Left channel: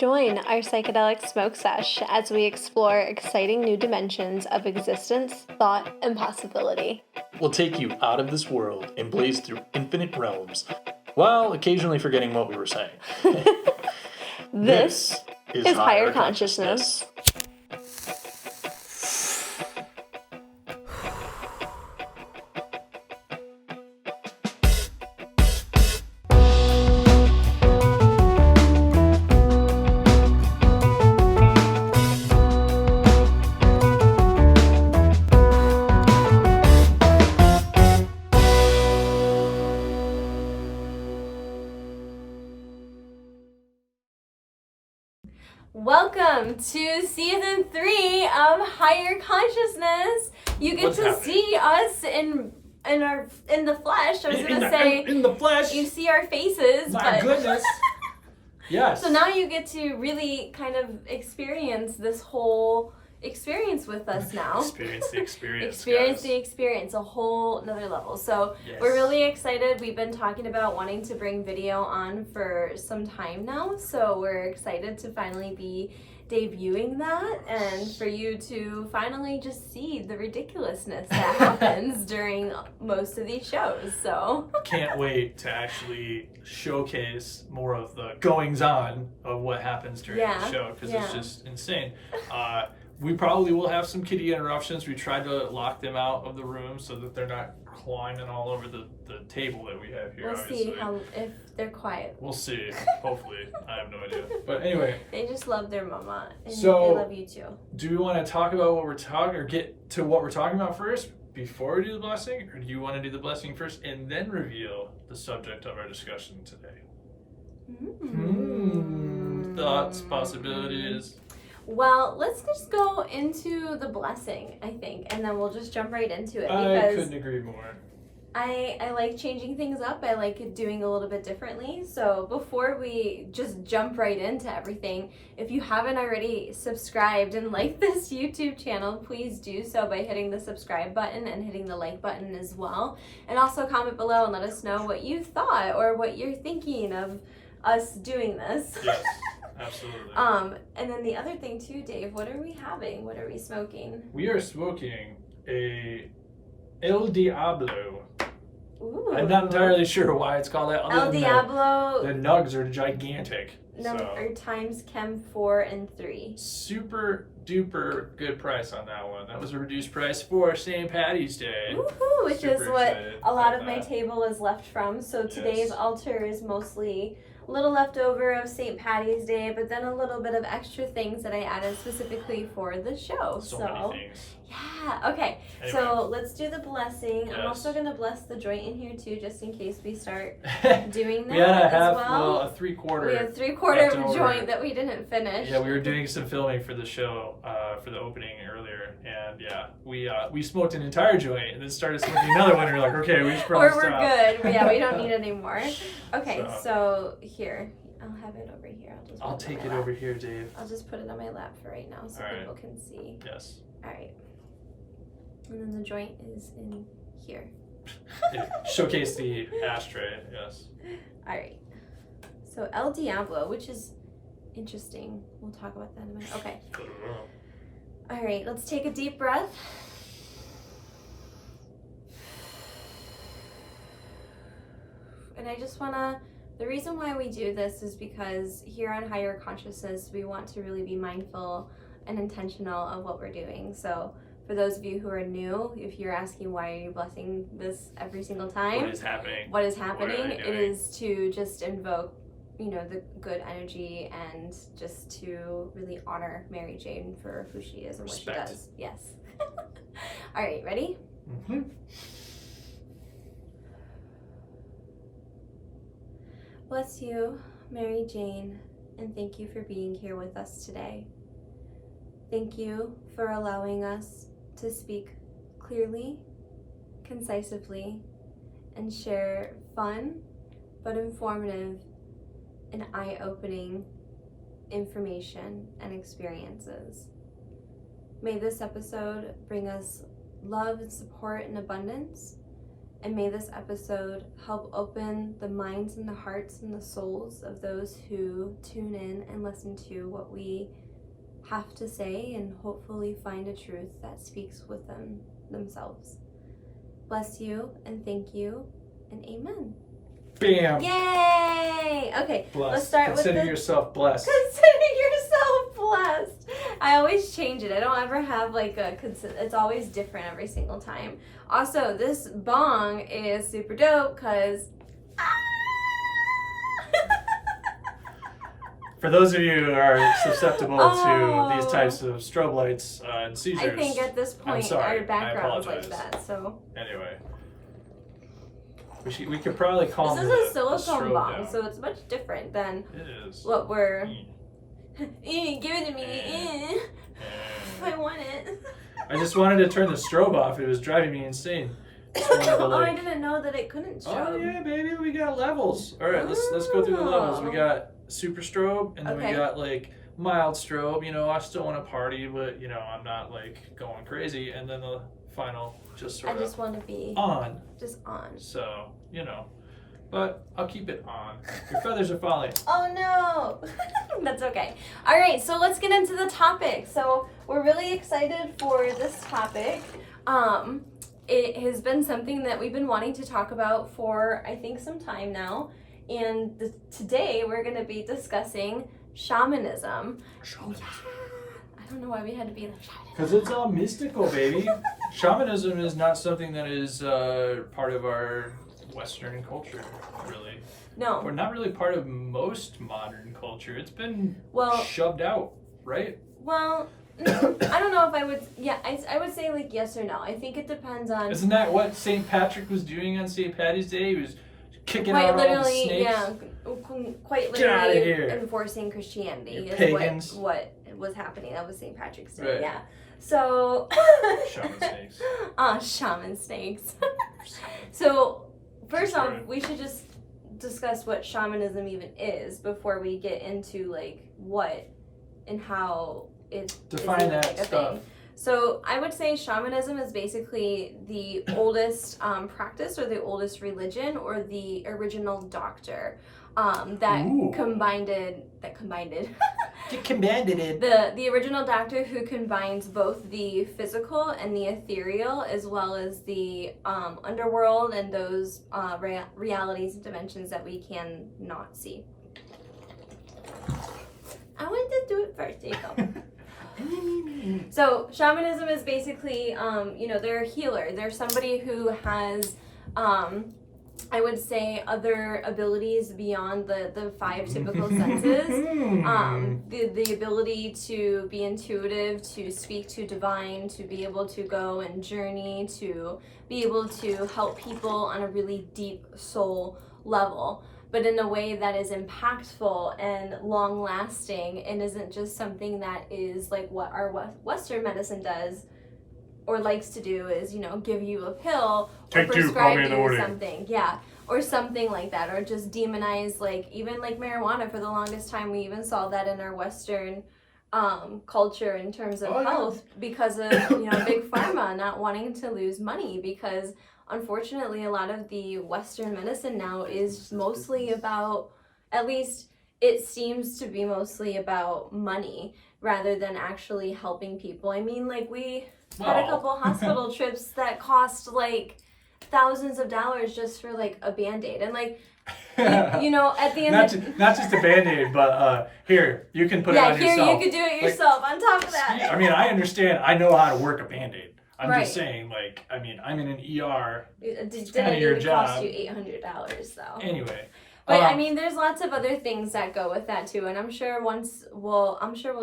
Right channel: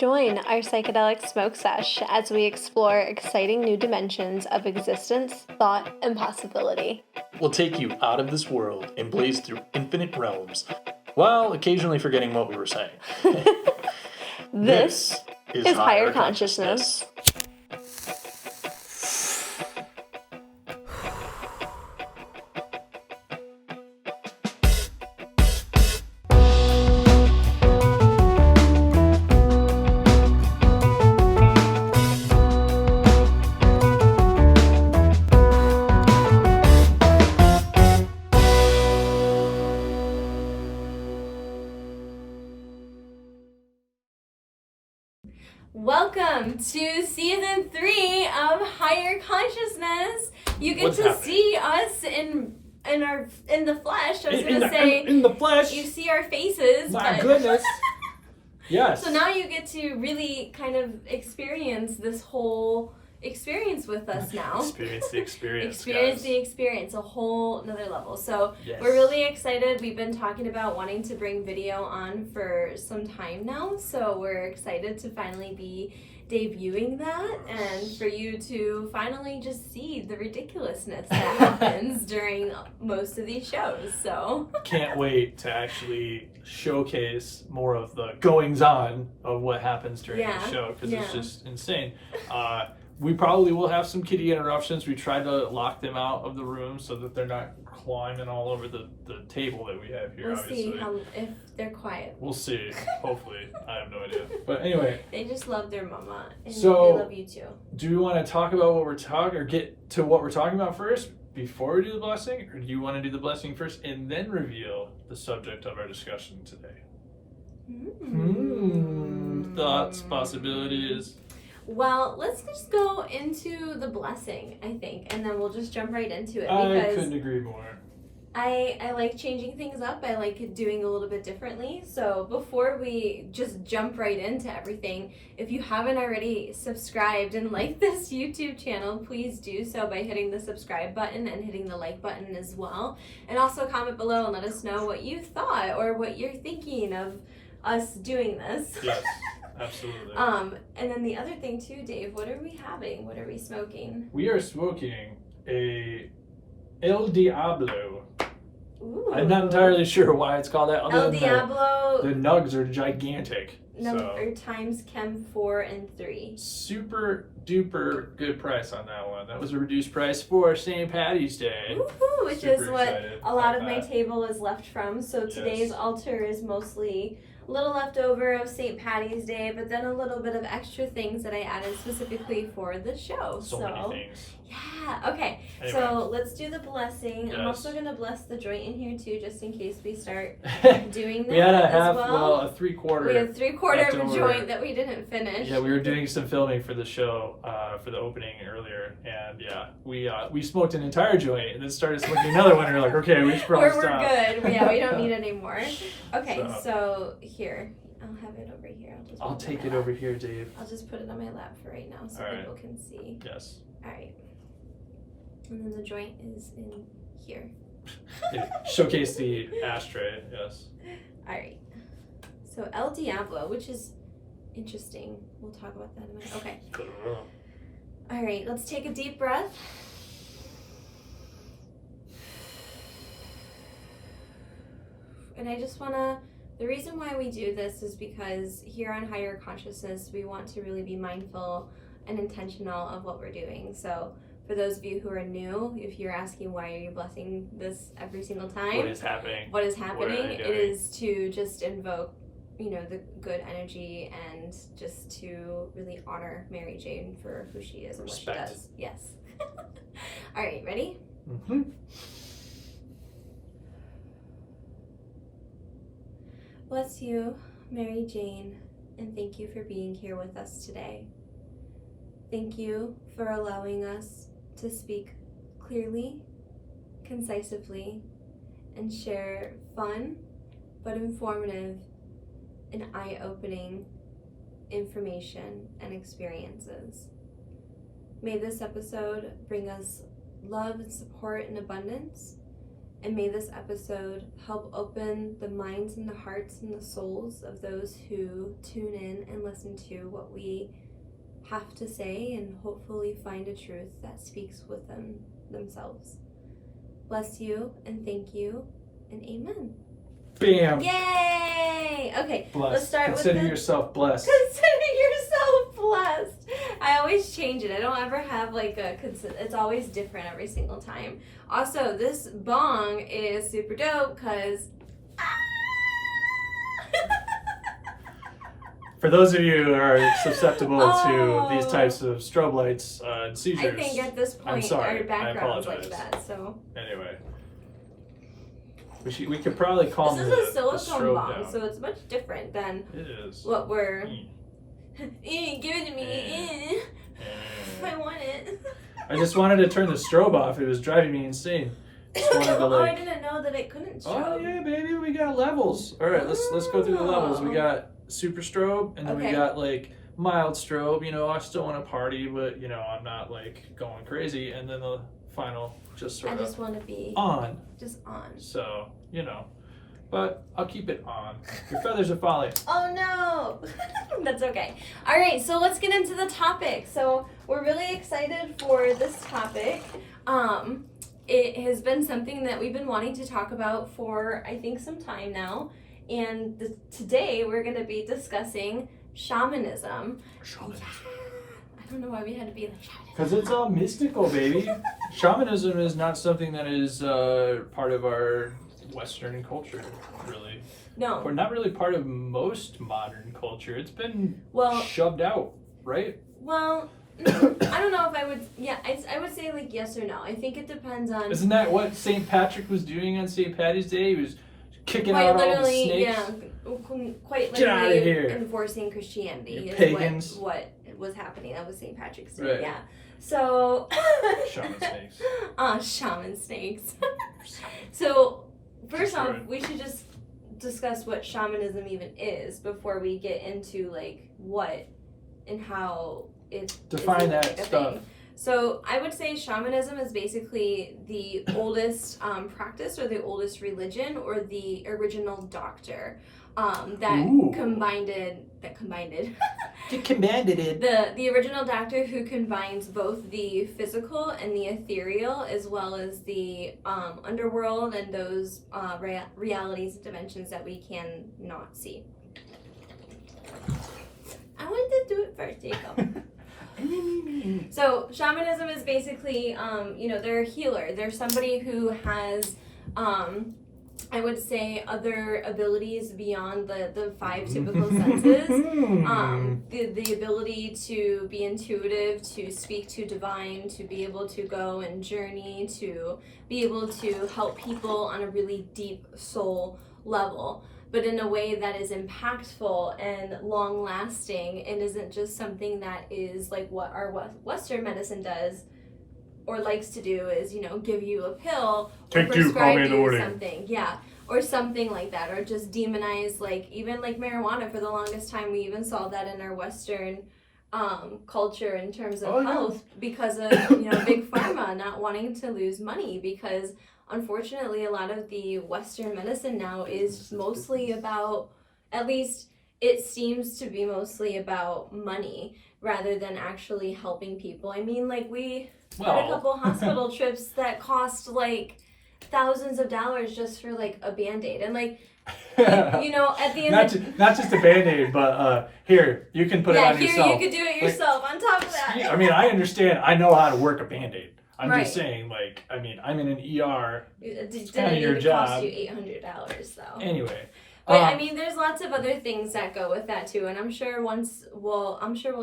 Join our psychedelic smoke sesh as we explore exciting new dimensions of existence, thought, and possibility. We'll take you out of this world and blaze through infinite realms, while occasionally forgetting what we were saying. This is Higher Consciousness. Welcome to season 3 of Higher Consciousness. You get see us in the flesh. I was going to say in the flesh. You see our faces. My goodness. Yes. So now you get to really kind of experience this whole experience with us now. Experience the experience. Experience the experience, a whole another level. So We're really excited. We've been talking about wanting to bring video on for some time now. So we're excited to finally be debuting that and for you to finally just see the ridiculousness that happens during most of these shows. So can't wait to actually showcase more of the goings on of what happens during the show, because it's just insane. We probably will have some kitty interruptions. We tried to lock them out of the room so that they're not climbing all over the table that we have here. We'll see if they're quiet. We'll see. Hopefully. I have no idea. But anyway. They just love their mama. And so, they love you too. Do we want to talk about what we're talking, or get to what we're talking about first before we do the blessing? Or do you want to do the blessing first and then reveal the subject of our discussion today? Thoughts, possibilities. Well, let's just go into the blessing, I think, and then we'll just jump right into it. I couldn't agree more. I like changing things up. I like doing a little bit differently. So before we just jump right into everything, if you haven't already subscribed and liked this YouTube channel, please do so by hitting the subscribe button and hitting the like button as well. And also comment below and let us know what you thought or what you're thinking of us doing this. Yes. Absolutely. And then the other thing too, Dave, what are we having? What are we smoking? We are smoking a El Diablo. Ooh. I'm not entirely sure why it's called that. El Diablo. The nugs are gigantic. Number times Chem 4 and 3. Super duper good price on that one. That was a reduced price for St. Patty's Day. Woohoo! Which is what a lot of my table is left from. So today's altar is mostly a little left over of St. Patty's Day, but then a little bit of extra things that I added specifically for the show. So many things. Yeah, okay. Anyway. So let's do the blessing. Yes. I'm also going to bless the joint in here too, just in case we start doing that. We had a 3/4. We had 3/4 joint that we didn't finish. Yeah, we were doing some filming for the show, for the opening earlier, and we smoked an entire joint and then started smoking another one, and we're like, okay, we should probably stop. We're good. Yeah, we don't need any more. Okay, so here. I'll have it over here. I'll take it over here, Dave. I'll just put it on my lap for right now so people can see. Yes. All right. And then the joint is in here. Showcase the ashtray, yes. All right. So El Diablo, which is interesting. We'll talk about that in a minute. Okay. All right, let's take a deep breath. And I just want to, the reason why we do this is because here on Higher Consciousness, we want to really be mindful and intentional of what we're doing. So for those of you who are new, if you're asking why are you blessing this every single time? What is happening? What is happening? It is to just invoke, the good energy and just to really honor Mary Jane for who she is and what she does. Yes. All right, ready? Mm-hmm. Bless you, Mary Jane, and thank you for being here with us today. Thank you for allowing us to speak clearly, concisely, and share fun but informative and eye-opening information and experiences. May this episode bring us love and support and abundance, And may this episode help open the minds and the hearts and the souls of those who tune in and listen to what we have to say, and hopefully find a truth that speaks with themselves. Bless you and thank you and amen. Bam! Yay! Okay, Blessed. let's start Consider with yourself blessed. Consider yourself blessed. I always change it. I don't ever have like it's always different every single time. Also, this bong is super dope because For those of you who are susceptible to these types of strobe lights and seizures, I think at this point I'm sorry. our background's I like apologize. that. So Anyway, we could probably calm this is the a silicone strobe bong, down. so it's much different than It is. what we're. Mm. Give it to me. I want it. I just wanted to turn the strobe off. It was driving me insane. Just wanted to, Oh, I didn't know that it couldn't strobe. Oh yeah, baby, we got levels. All right, let's go through the levels. We got super strobe, and then we got like mild strobe. You know, I still want to party, but you know, I'm not like going crazy. And then the final, just sort I of just want to be on. just on. So you know, but I'll keep it on. Your feathers are falling. Oh no, that's okay. All right, so let's get into the topic. So we're really excited for this topic. It has been something that we've been wanting to talk about for I think some time now, and today we're going to be discussing shamanism. Shamanism. I don't know why we had to be like shamanism. Because it's all mystical, baby. Shamanism is not something that is part of our Western culture, really. No. Or not really part of most modern culture. It's been Well, shoved out, right? well, I don't know if I would. Yeah, I would say like yes or no. I think it depends on. Isn't that what St. Patrick was doing on St. Patty's Day? He was kicking out all the snakes. Yeah, quite Get outta literally here. enforcing Christianity You is pagans. what was happening. That was St. Patrick's Day. Right. Yeah. So. Shaman snakes. Shaman snakes. So first off, Sorry. we should just discuss what shamanism even is before we get into like what and how it Define is that like a stuff. thing. So I would say shamanism is basically the oldest practice or the oldest religion or the original doctor that Ooh. combined They commanded it. the original doctor who combines both the physical and the ethereal as well as the underworld and those realities and dimensions that we can not see. I wanted to do it first, Jacob. So shamanism is basically, they're a healer. They're somebody who has, I would say, other abilities beyond the five typical senses. The ability to be intuitive, to speak to divine, to be able to go and journey, to be able to help people on a really deep soul level, but in a way that is impactful and long-lasting and isn't just something that is like what our Western medicine does or likes to do is, give you a pill or prescribe you something. Yeah, or something like that, or just demonize, like, even like marijuana. For the longest time, we even saw that in our Western culture in terms of health because of, big pharma not wanting to lose money because unfortunately, a lot of the Western medicine now is mostly about, at least it seems to be mostly about money rather than actually helping people. I mean, like, we had a couple hospital trips that cost like thousands of dollars just for like a Band-Aid. And like, at the end not just a Band-Aid, but here, you can put it on yourself. Yeah, here, you could do it yourself on top of that. I mean, I understand. I know how to work a Band-Aid. I'm Right. just saying, like, I mean, I'm in an ER. It's kind of your job. Cost you $800 though. Anyway. But I mean, there's lots of other things that go with that too, and I'm sure we'll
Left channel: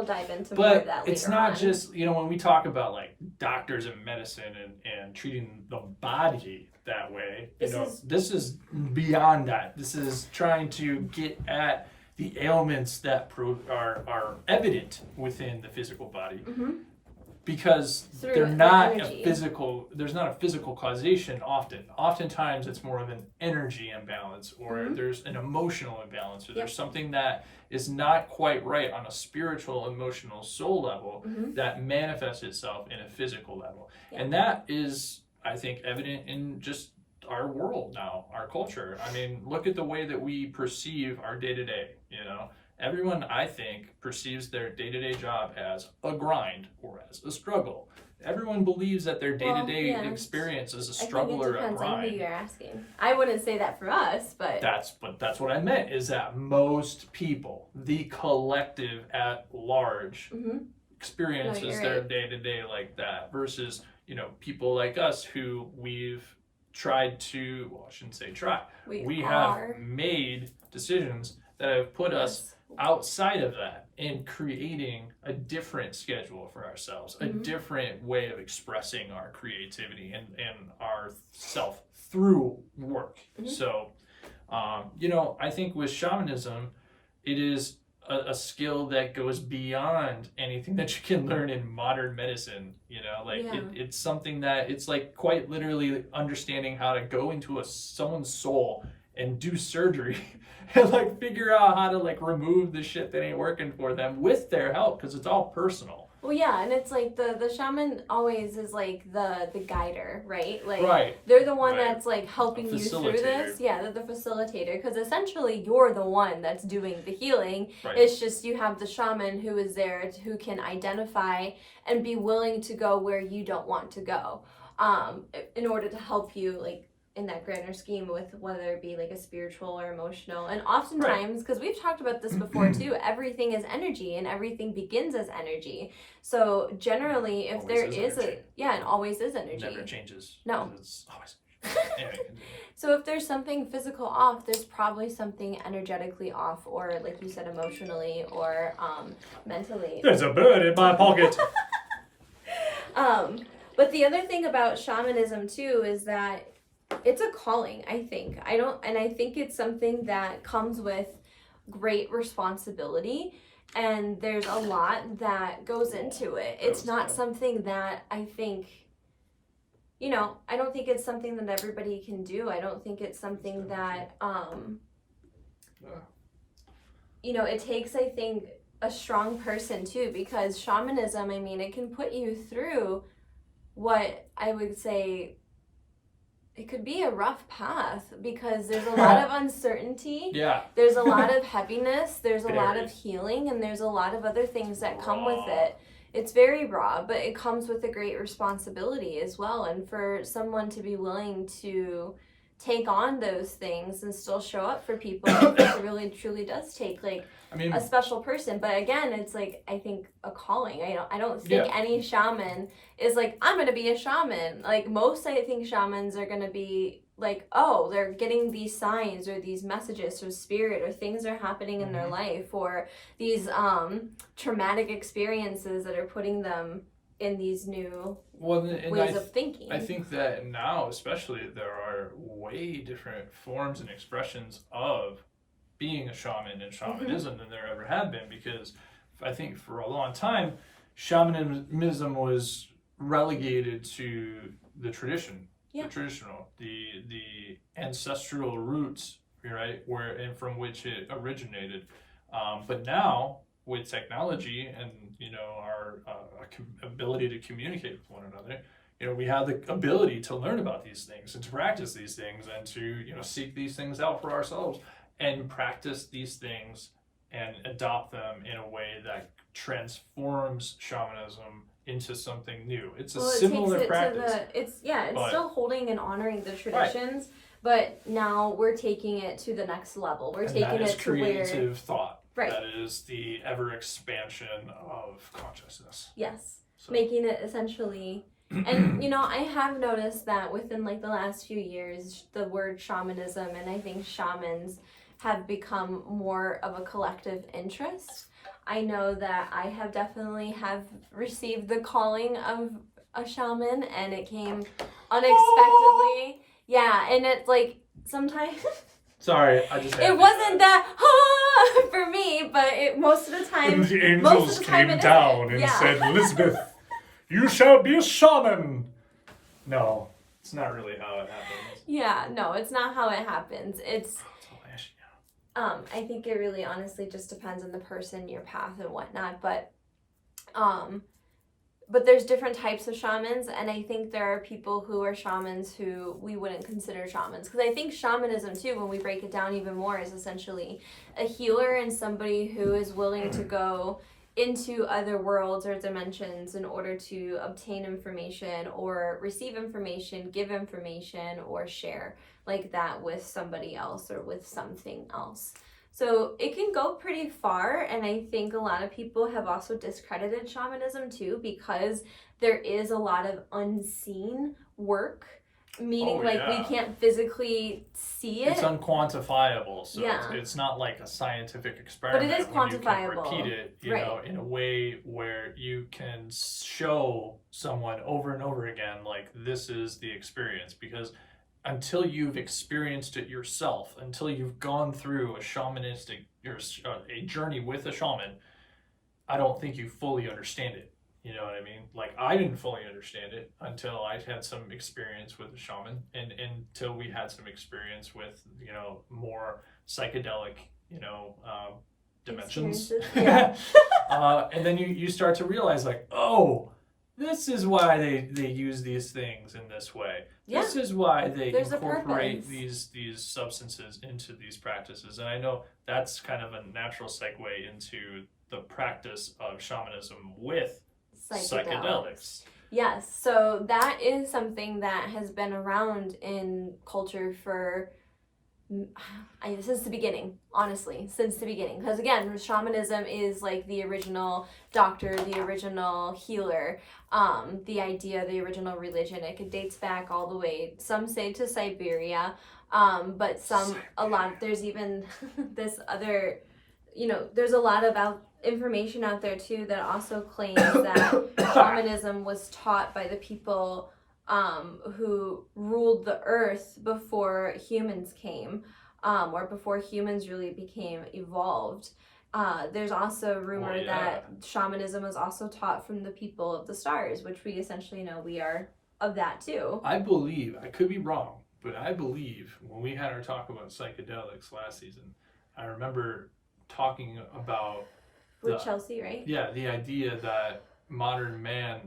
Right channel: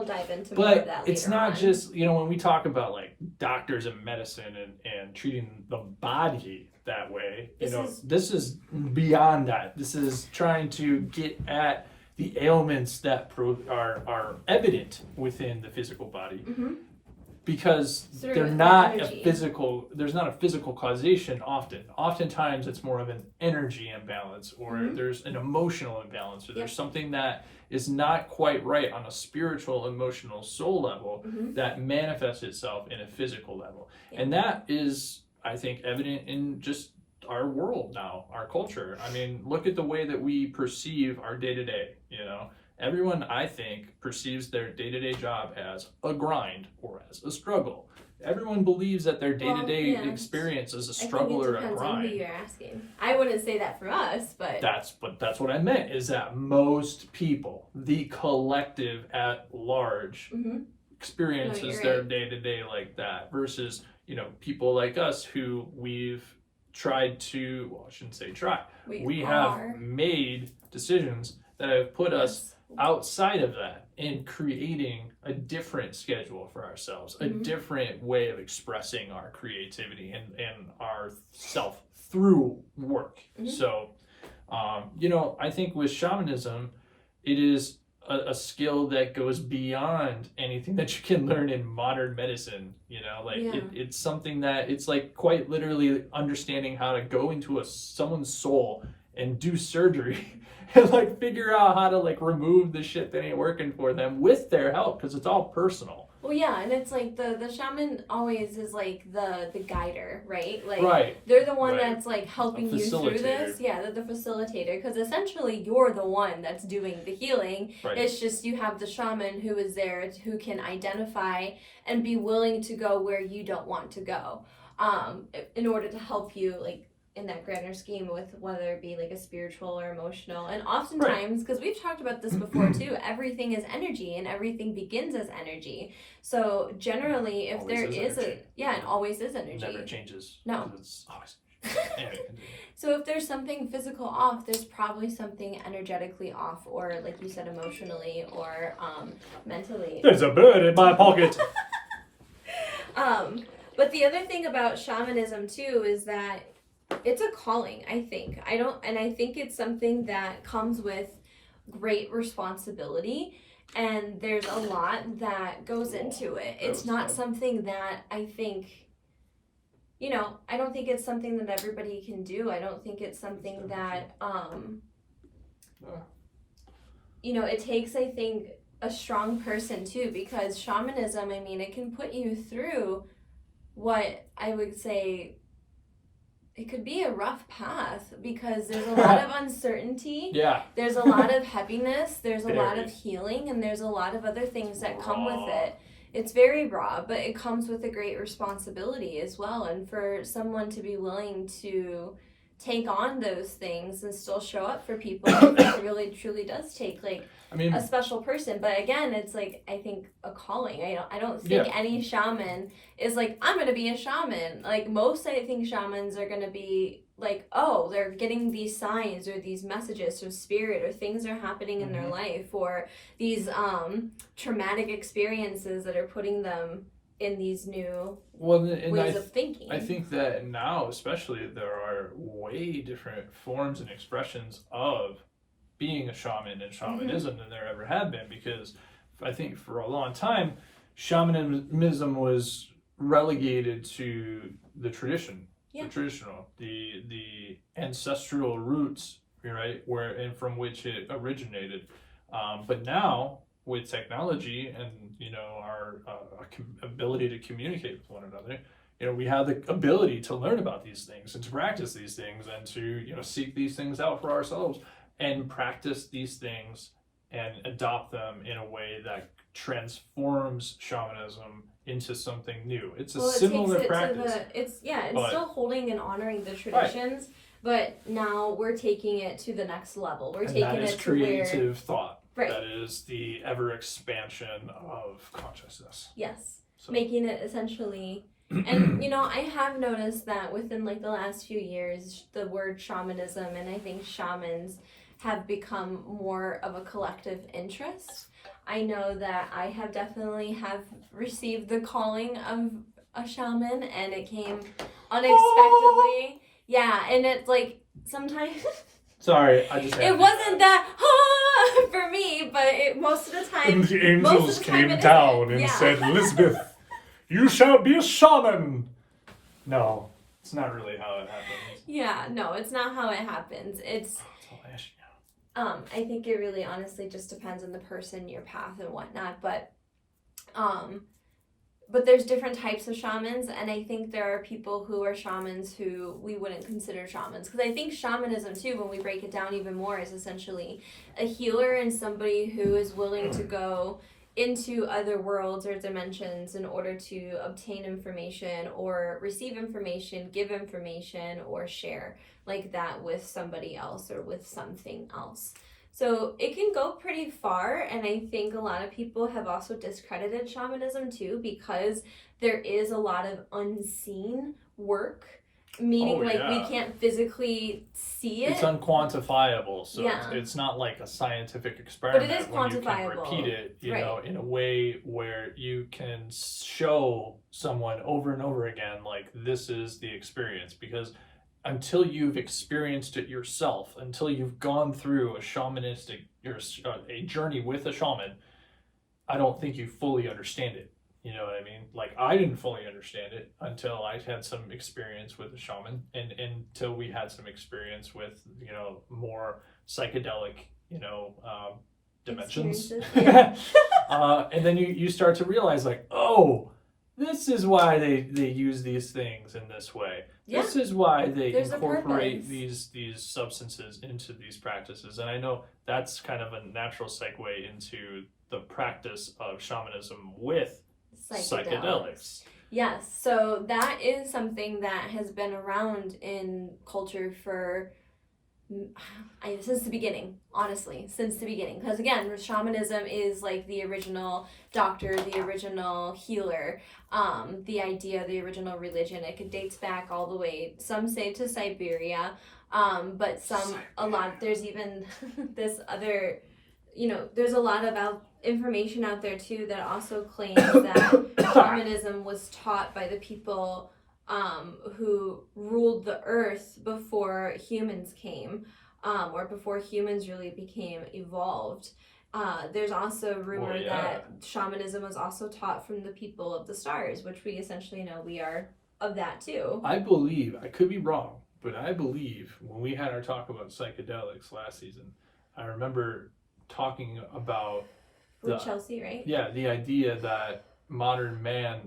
dive into more of that later. But it's not just, when we talk about like doctors and medicine and treating the body that way, this is beyond that. This is trying to get at the ailments that are evident within the physical body. Mm-hmm. Because there's not a physical causation often. Oftentimes it's more of an energy imbalance or there's an emotional imbalance or there's something that is not quite right on a spiritual, emotional, soul level that manifests itself in a physical level. Yeah. And that is, I think, evident in just our world now, our culture. I mean, look at the way that we perceive our day-to-day, you know. Everyone, I think, perceives their day-to-day job as a grind or as a struggle. Everyone believes that their day-to-day experience is a struggle or a grind. On who you're asking. I wouldn't say that for us, but that's what I meant, is that most people, the collective at large, experiences their day-to-day like that, versus, you know, people like us who we've tried to, well, I shouldn't say try, we have made decisions that have put us outside of that and creating a different schedule for ourselves, a different way of expressing our creativity and our self through work. So, you know, I think with shamanism, it is a skill that goes beyond anything that you can learn in modern medicine. You know, like it's something that it's like quite literally understanding how to go into someone's soul and do surgery and like figure out how to like remove the shit that ain't working for them with their help, because it's all personal. Well, yeah, and it's like the shaman always is like the guider, right? Like they're the one that's like helping you through this. Yeah, they're the facilitator, because essentially you're the one that's doing the healing. It's just you have the shaman who is there, who can identify and be willing to go where you don't want to go, in order to help you, like, in that grander scheme, with whether it be like a spiritual or emotional. And oftentimes, because we've talked about this before too, everything is energy and everything begins as energy. So generally, if there is it always is energy. Never changes. No. It's always anyway. So if there's something physical off, there's probably something energetically off, or like you said, emotionally or mentally. There's a bird in my pocket. But the other thing about shamanism too is that it's a calling, I think. I think it's something that comes with great responsibility, and there's a lot that goes into it. It's not something that I think, you know, I don't think it's something that everybody can do. I don't think it's something that, you know, it takes, I think, a strong person too, because shamanism, I mean, it can put you through what I would say, it could be a rough path, because there's a lot of uncertainty. There's a lot of heaviness. There's a lot of healing, and there's a lot of other things that come with it. It's very raw, but it comes with a great responsibility as well. And for someone to be willing to take on those things and still show up for people, it really truly does take a special person. But again, it's like, I think a calling. I don't think any shaman is like, I'm gonna be a shaman. Like, most, I think, shamans are gonna be like, oh, they're getting these signs or these messages from spirit, or things are happening in their life, or these traumatic experiences that are putting them in these new ways of thinking. I think that now, especially, there are way different forms and expressions of being a shaman and shamanism than there ever have been, because I think for a long time, shamanism was relegated to the tradition, the traditional, the ancestral roots, right, and from which it originated. But now, with technology and, you know, our ability to communicate with one another, you know, we have the ability to learn about these things and to practice these things and to, you know, seek these things out for ourselves and practice these things and adopt them in a way that transforms shamanism into something new. It's a similar practice. It's still holding and honoring the traditions, but now we're taking it to the next level. We're taking it to creative thought. That is the ever expansion of consciousness. Yes. So. Making it essentially, and you know, I have noticed that within like the last few years, the word shamanism and I think shamans have become more of a collective interest. I know that I have definitely received the calling of a shaman, and it came unexpectedly. Yeah, and it's like sometimes. Sorry, I just. It wasn't that for me, but most of the time. And the angels came down and said, "Elizabeth, you shall be a shaman." No, it's not really how it happens. Yeah, no, it's not how it happens. It's. I think it really honestly just depends on the person, your path and whatnot, but but there's different types of shamans, and I think there are people who are shamans who we wouldn't consider shamans. Because I think shamanism, too, when we break it down even more, is essentially a healer and somebody who is willing to go into other worlds or dimensions in order to obtain information or receive information, give information, or share like that with somebody else or with something else. So it can go pretty far, and I think a lot of people have also discredited shamanism too, because there is a lot of unseen work, meaning we can't physically see it. It's unquantifiable, so yeah. it's not like a scientific experiment. But it is when you can quantifiable. repeat it, you right. know, in a way where you can show someone over and over again, like, this is the experience. Because until you've experienced it yourself, until you've gone through a shamanistic or a journey with a shaman, I don't think you fully understand it. You know what I mean? Like, I didn't fully understand it until I had some experience with a shaman, and until we had some experience with, you know, more psychedelic, you know, dimensions. Yeah. And then you start to realize, like, oh, this is why they use these things in this way. Yeah. This is why they incorporate these substances into these practices. And I know that's kind of a natural segue into the practice of shamanism with psychedelics. Yes, so that is something that has been around in culture for since the beginning, honestly, since the beginning. Because again, shamanism is like the original doctor, the original healer, the idea, the original religion. It dates back all the way, some say to Siberia, but there's even this other, you know, there's a lot of information out there too that also claims that shamanism was taught by the people who ruled the earth before humans came, or before humans really became evolved. There's also rumor that shamanism was also taught from the people of the stars, which we essentially know we are of that too. I believe, I could be wrong, but I believe when we had our talk about psychedelics last season, I remember talking about with Chelsea, right? Yeah, the idea that modern man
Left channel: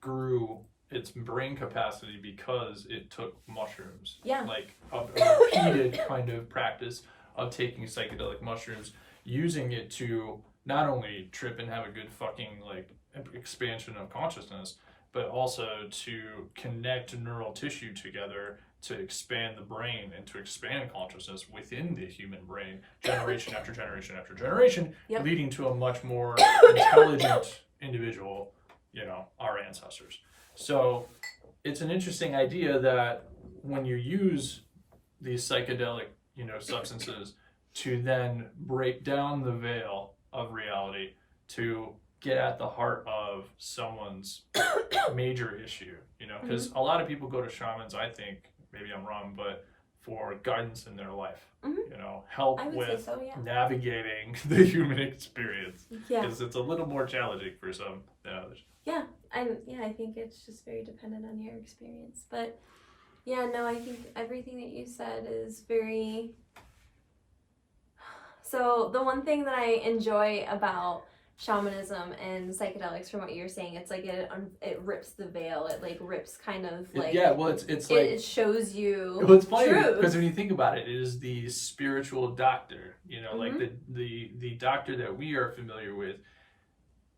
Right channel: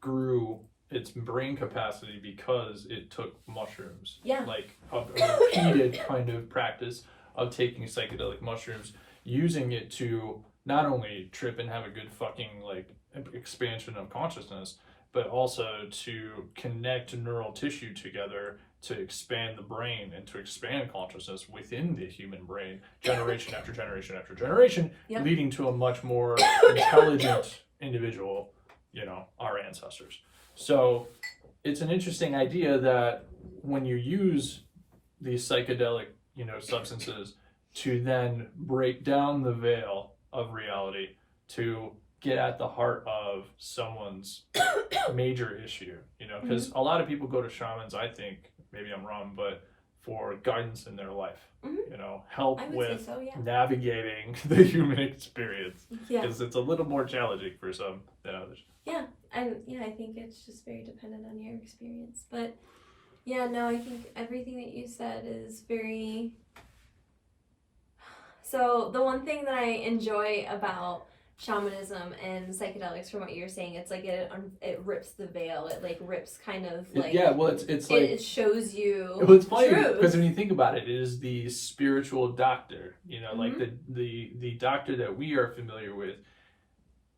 grew its brain capacity because it took mushrooms. Yeah. Like a repeated kind of practice of taking psychedelic mushrooms, using it to not only trip and have a good fucking like expansion of consciousness, but also to connect neural tissue together to expand the brain and to expand consciousness within the human brain, generation after generation after generation, yep. leading to a much more intelligent individual, you know, our ancestors. So it's an interesting idea that when you use these psychedelic, you know, substances to then break down the veil of reality to get at the heart of someone's major issue, you know, because a lot of people go to shamans, I think, maybe I'm wrong, but for guidance in their life, you know, help with navigating the human experience, because it's a little more challenging for some than others. Yeah, I think it's just very dependent on your experience. But yeah, no, I think everything that you said is very... So the one thing that I enjoy about shamanism and psychedelics, from what you're saying, it's like it rips the veil. It like rips kind of like it's like it shows you. Well, it's funny because when you think about it, it is the spiritual doctor. You know, like the doctor that we are familiar with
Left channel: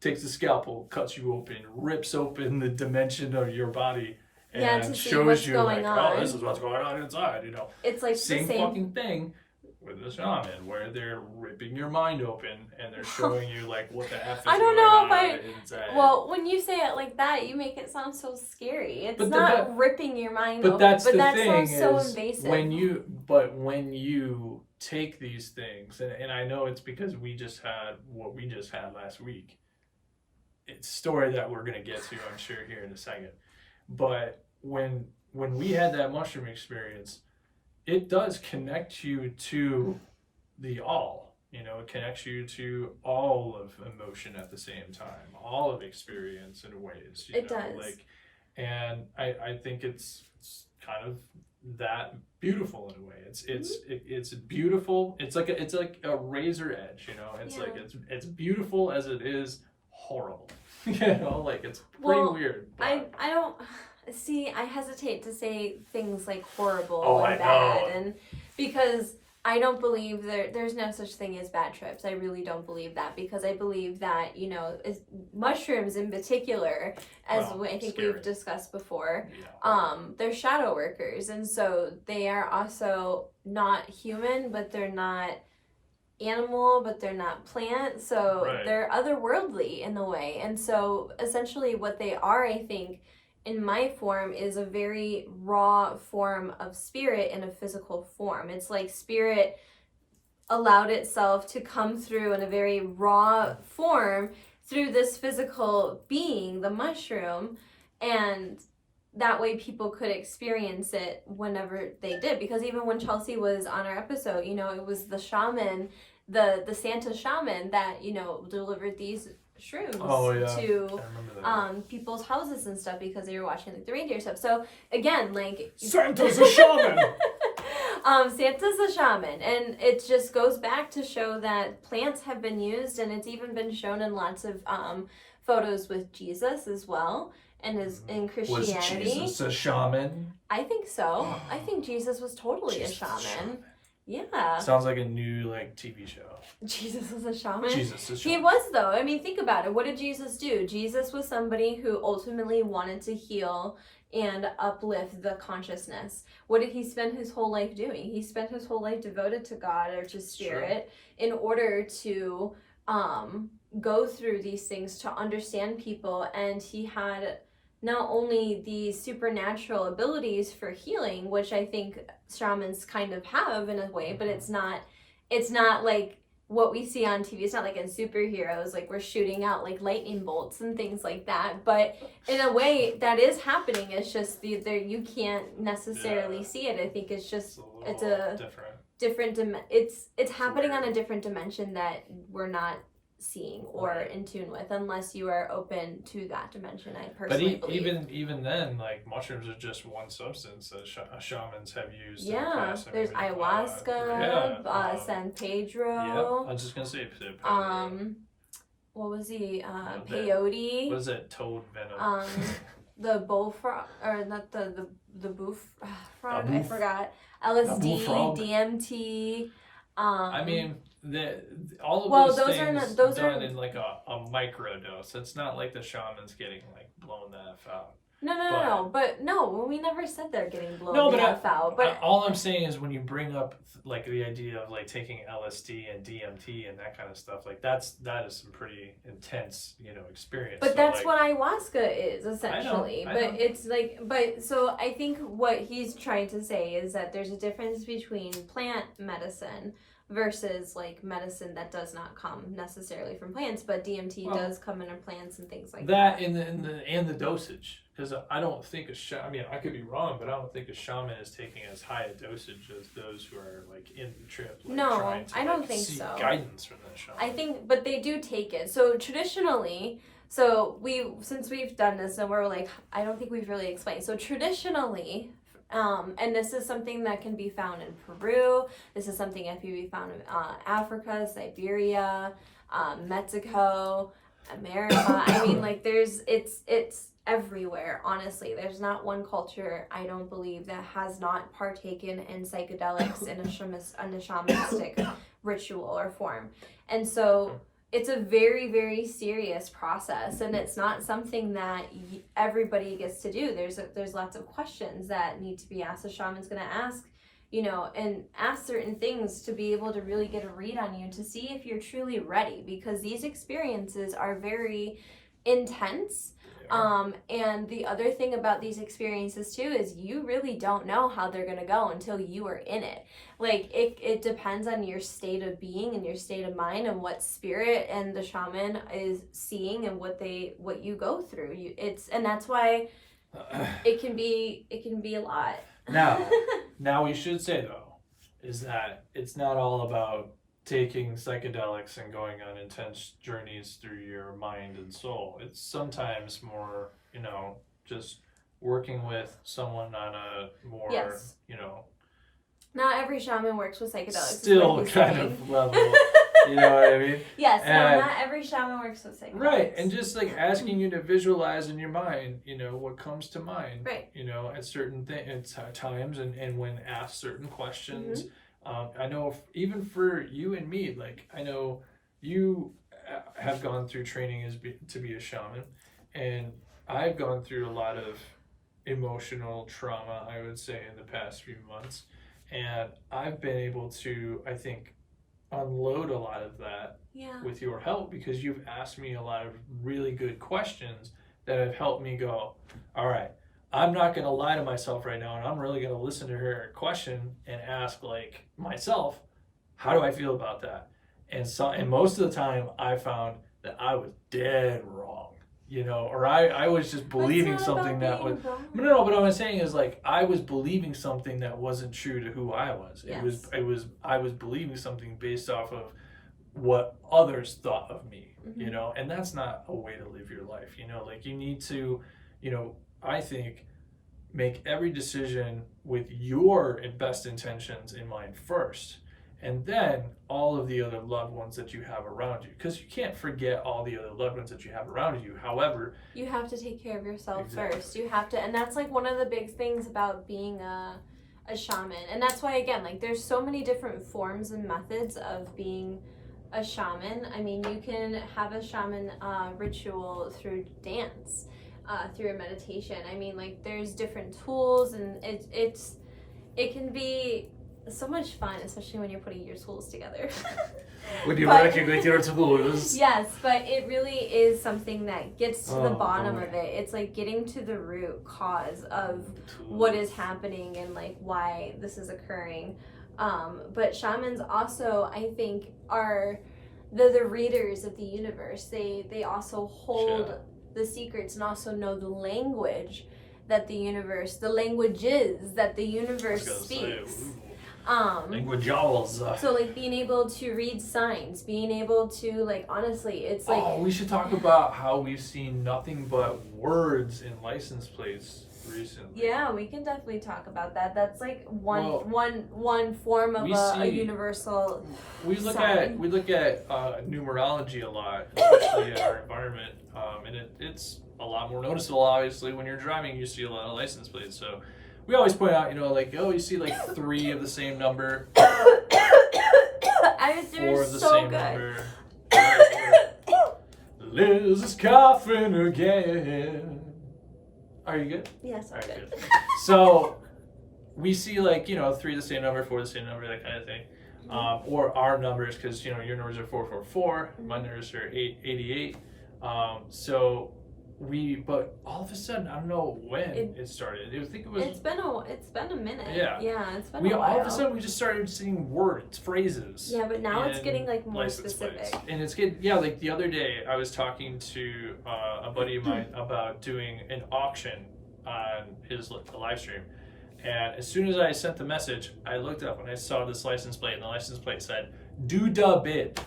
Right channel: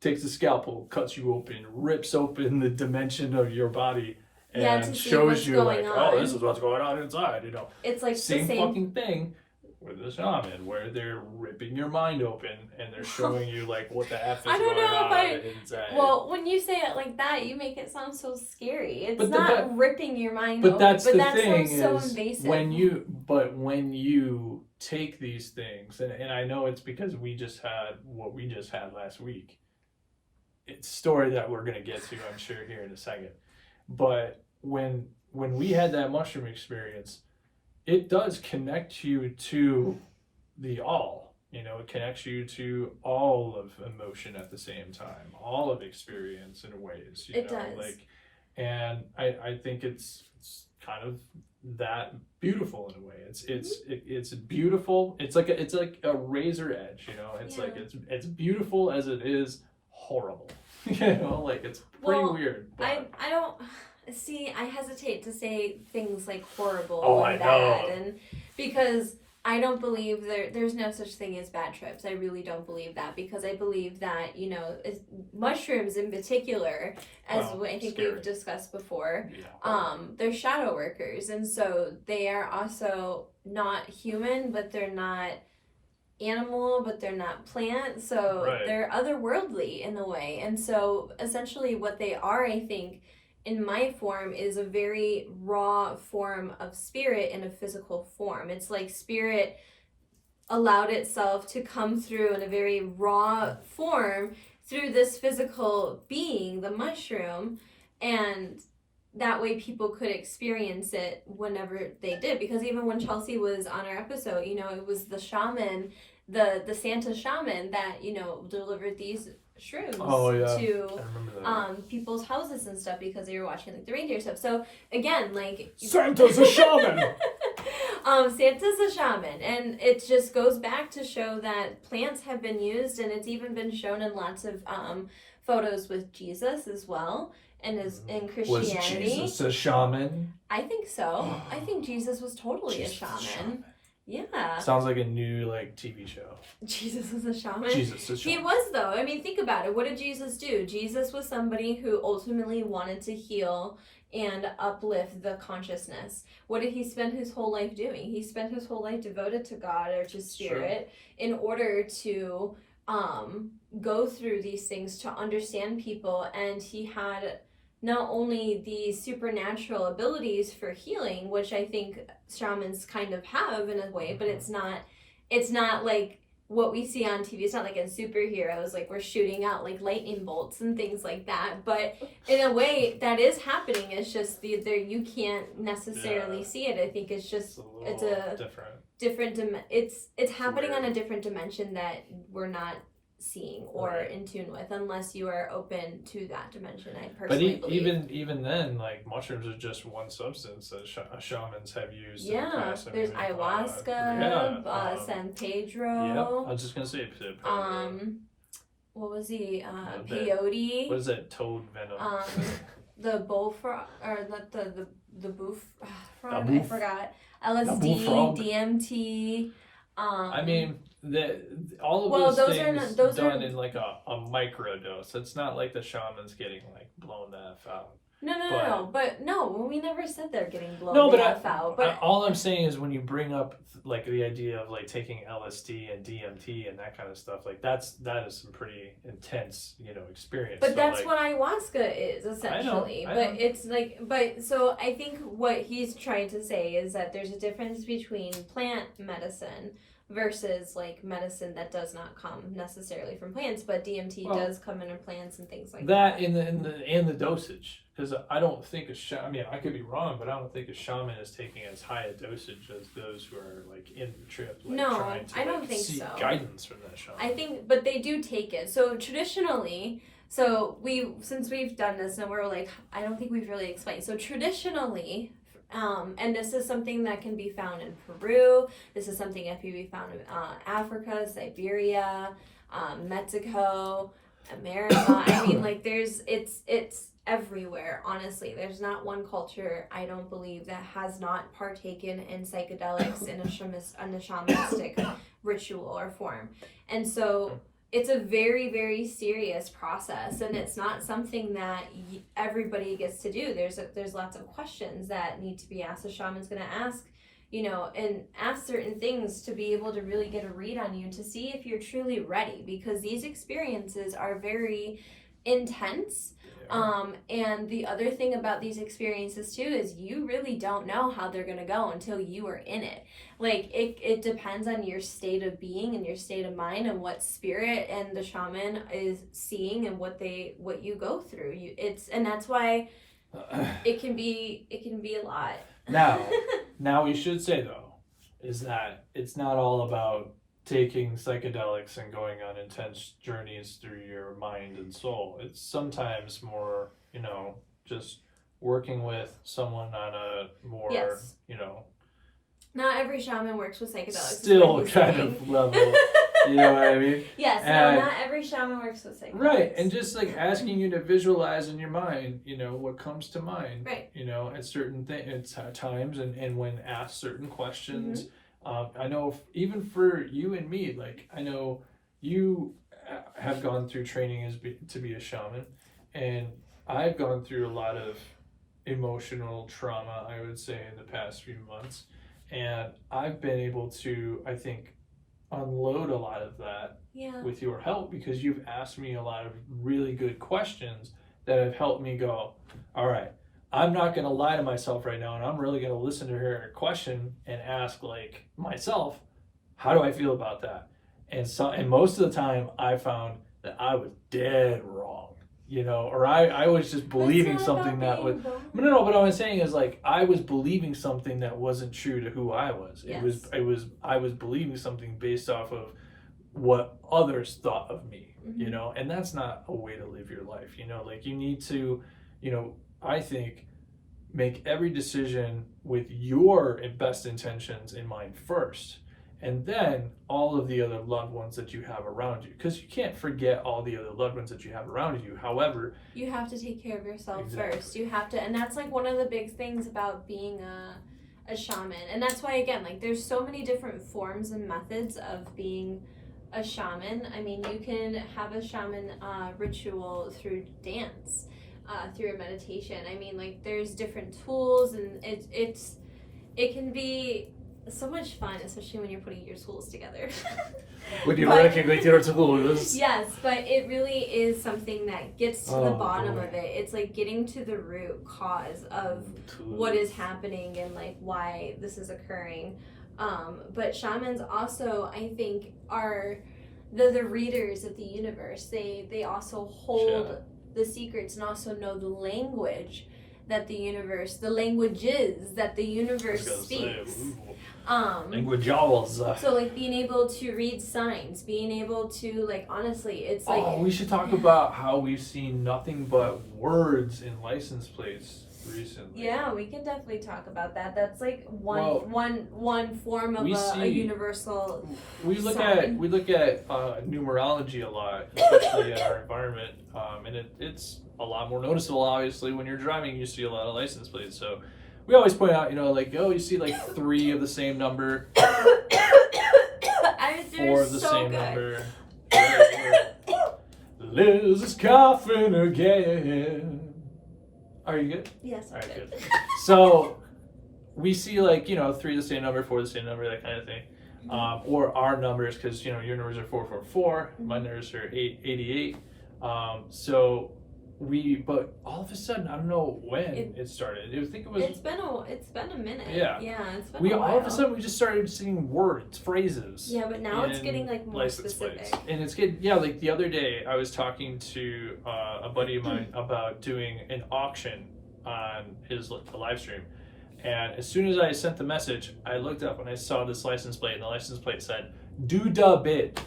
takes the scalpel, cuts you open, rips open the dimension of your body, and shows you like, oh, this is what's going on inside. You know, it's like same fucking thing with the shaman, where they're ripping your mind open and they're showing you like what the F is going on inside. Well, when you say it like that, you make it sound so scary. It's not ripping your mind open. But that thing is so invasive. when you take these things, and I know it's because we just had what we just had last week. It's a story that we're gonna get to, I'm sure, here in a second. But when we had that mushroom experience, it does connect you to the all, you know, it connects you to all of emotion at the same time, all of experience in ways, you know, does. Like, and I think it's kind of that beautiful in a way. It's beautiful. It's like a razor edge, you know. It's like it's beautiful as it is horrible. Like it's pretty weird. But... I don't see. I hesitate to say things like horrible bad, and bad, and because I don't believe there's no such thing as bad trips. I really don't believe that, because I believe that, mushrooms in particular, as I think we've discussed before, they're shadow workers, and so they are also not human, but they're not animal, but they're not plant, so they're otherworldly in a way. And so essentially what they are, I think, in my form, is a very raw form of spirit in a physical form. It's like spirit allowed itself to come through in a very raw form through this physical being, the mushroom, and that way people could experience it whenever they did. Because even when Chelsea was on our episode, it was the shaman, the Santa shaman that, delivered these shrooms to people's houses and stuff, because they were watching like the reindeer stuff. So again, like, Santa's a shaman. Santa's a shaman, and it just goes back to show that plants have been used, and it's even been shown in lots of photos with Jesus as well, and in Christianity. Was Jesus a shaman? I think so. I think Jesus was totally a shaman. Yeah. Sounds like a new TV show. Jesus is a shaman? Jesus is a shaman. He was, though. I mean, think about it. What did Jesus do? Jesus was somebody who ultimately wanted to heal and uplift the consciousness. What did he spend his whole life doing? He spent his whole life devoted to God or to spirit in order to go through these things, to understand people, and he had not only the supernatural abilities for healing, which I think shamans kind of have in a way, but it's not like what we see on TV. It's not like in superheroes, like we're shooting out like lightning bolts and things like that. But in a way, that is happening. It's just you can't necessarily see it. I think it's just it's a different it's happening on a different dimension that we're not seeing or in tune with, unless you are open to that dimension. I personally believe. even then, like, mushrooms are just one substance that shamans have used in the past. There's ayahuasca, San Pedro. I was just gonna say what was he? Peyote. What is that? Toad venom. The bullfrog, or not the boof frog. I forgot. LSD, DMT. I mean, all of those things done in like a micro dose. It's not like the shaman's getting like blown the F out. No, we never said they're getting blown the F out. But all I'm saying is, when you bring up like the idea of like taking LSD and DMT and that kind of stuff, like that is some pretty intense, experience. But that's what ayahuasca is essentially. I know. It's like, so I think what he's trying to say is that there's a difference between plant medicine versus like medicine that does not come necessarily from plants, but DMT does come in plants and things like that. And the dosage, because I don't think I could be wrong, but I don't think a shaman is taking as high a dosage as those who are like in the trip. Like, no, trying to, I don't think so. Guidance from that shaman. I think, but they do take it. So traditionally, since we've done this, and we're like, I don't think we've really explained. So traditionally. And this is something that can be found in Peru. This is something that can be found in Africa, Siberia, Mexico, America. I mean, like it's everywhere. Honestly, there's not one culture, I don't believe, that has not partaken in psychedelics in a shamanistic ritual or form. And so it's a very, very serious process, and it's not something that everybody gets to do. There's lots of questions that need to be asked. The shaman's going to ask, and ask certain things to be able to really get a read on you, to see if you're truly ready, because these experiences are very intense. And the other thing about these experiences too is you really don't know how they're going to go until you are in it. Like it depends on your state of being and your state of mind and what spirit and the shaman is seeing and what you go through. And that's why it can be a lot. Now we should say though, is that it's not all about taking psychedelics and going on intense journeys through your mind and soul. It's sometimes more, just working with someone on a more, Not every shaman works with psychedelics. Still kind of level You know what I mean? Yes, no, not every shaman works with psychedelics. Right, and just like asking you to visualize in your mind, what comes to mind, right? At certain times, and when asked certain questions. I know even for you and me, like I know you have gone through training to be a shaman, and I've gone through a lot of emotional trauma, I would say, in the past few months, and I've been able to, I think, unload a lot of that with your help, because you've asked me a lot of really good questions that have helped me go, all right, I'm not going to lie to myself right now, and I'm really going to listen to her question and ask like myself, how do I feel about that? And most of the time I found that I was dead wrong, or I was just believing something that was no, but what I'm saying is, like, I was believing something that wasn't true to who I was. I was believing something based off of what others thought of me, and that's not a way to live your life. Like, you need to, I think, make every decision with your best intentions in mind first, and then all of the other loved ones that you have around you, because you can't forget all the other loved ones that you have around you. However, you have to take care of yourself first. You have to, and that's like one of the big things about being a shaman. And that's why, again, like, there's so many different forms and methods of being a shaman. I mean, you can have a shaman ritual through dance, through a meditation. I mean, like, there's different tools, and it can be so much fun, especially when you're putting your tools together. When you're working with your tools. Yes, but it really is something that gets to the bottom of it. It's like getting to the root cause of what is happening and like why this is occurring. But shamans also, I think, are the readers of the universe. They also hold the secrets and also know the language that the languages that the universe speaks. Languages. So, like, being able to read signs, being able to, like, honestly, it's like... Oh, we should talk about how we've seen nothing but words in license plates recently. Yeah, we can definitely talk about that. That's like one form of a universal we look at numerology a lot, especially in our environment, and it's a lot more noticeable. Obviously, when you're driving, you see a lot of license plates. So we always point out, like, you see like 3 of the same number, 4 of the same number. Liz is coughing again. Are you good? Yes. All right, good. So we see, like, 3 of the same number, 4 of the same number, that kind of thing. Or our numbers, because, your numbers are 444, my numbers are 888. But all of a sudden, I don't know when it started. I think it was. It's been a minute. Yeah. Yeah, it's been a while. All of a sudden we just started seeing words, phrases. Yeah, but now it's getting like more specific. Plates. And it's getting, like the other day I was talking to a buddy of mine about doing an auction on his live stream. And as soon as I sent the message, I looked up and I saw this license plate, and the license plate said "Dudabid."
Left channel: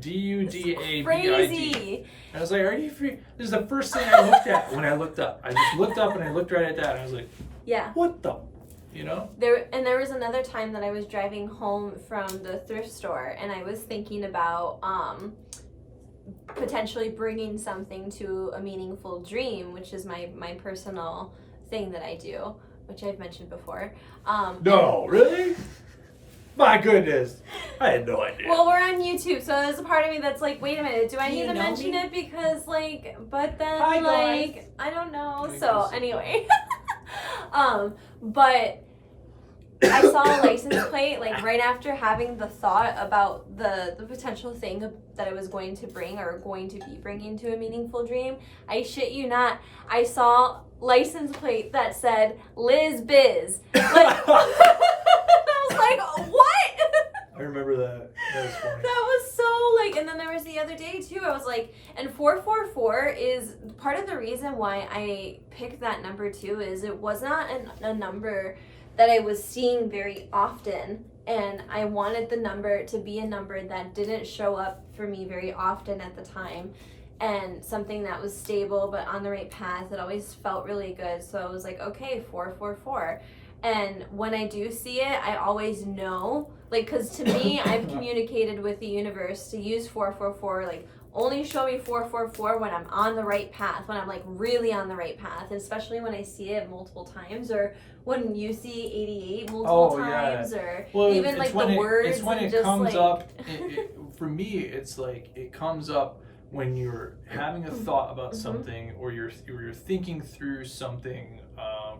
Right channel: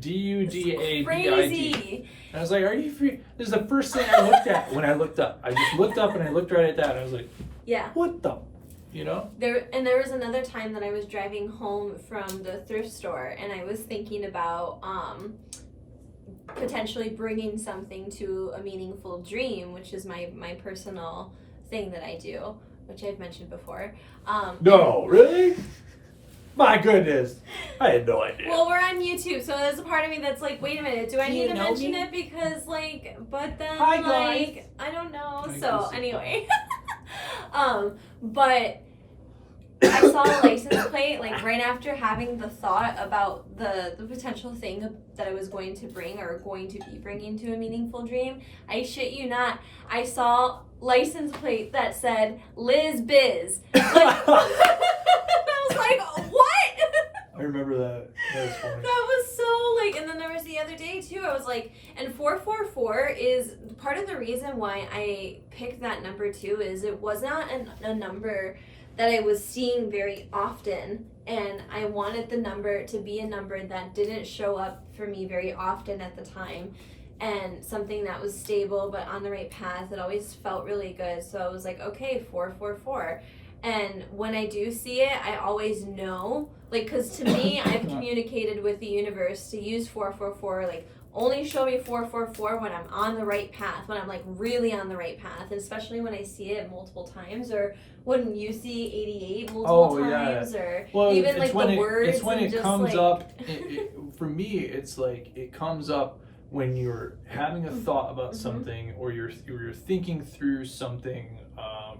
Dudabid. And I was like, are you free? This is the first thing I looked at when I looked up. I just looked up and I looked right at that, and I was like, yeah. What the? There was another time that I was driving home from the thrift store, and I was thinking about potentially bringing something to a meaningful dream, which is my personal thing that I do, which I've mentioned before. No, really? My goodness, I had no idea. Well, we're on YouTube, so there's a part of me that's like, wait a minute, do I need to mention it? Because, like, but then, hi, like, guys. I don't know. So, anyway. But I saw a license plate, like, right after having the thought about the potential thing that I was going to bring or going to be bringing to a meaningful dream. I shit you not, I saw license plate that said Liz Biz. Like, I was like, what? I remember that. That was funny. That was so, like, and then there was the other day too, I was like, and 444 is part of the reason why I picked that number too, is it was not a number that I was seeing very often, and I wanted the number to be a number that didn't show up for me very often at the time, and something that was stable but on the right path. It always felt really good, so I was like, okay, 444. And when I do see it, I always know, Like, because to me, I've communicated with the universe to use 444, like, only show me 444 when I'm on the right path, when I'm like really on the right path, especially when I see it multiple times, or when you see 88 multiple times, or even like the words. It's when it comes like... up. For me, it's like it comes up when you're having a thought about something, or you're thinking through something.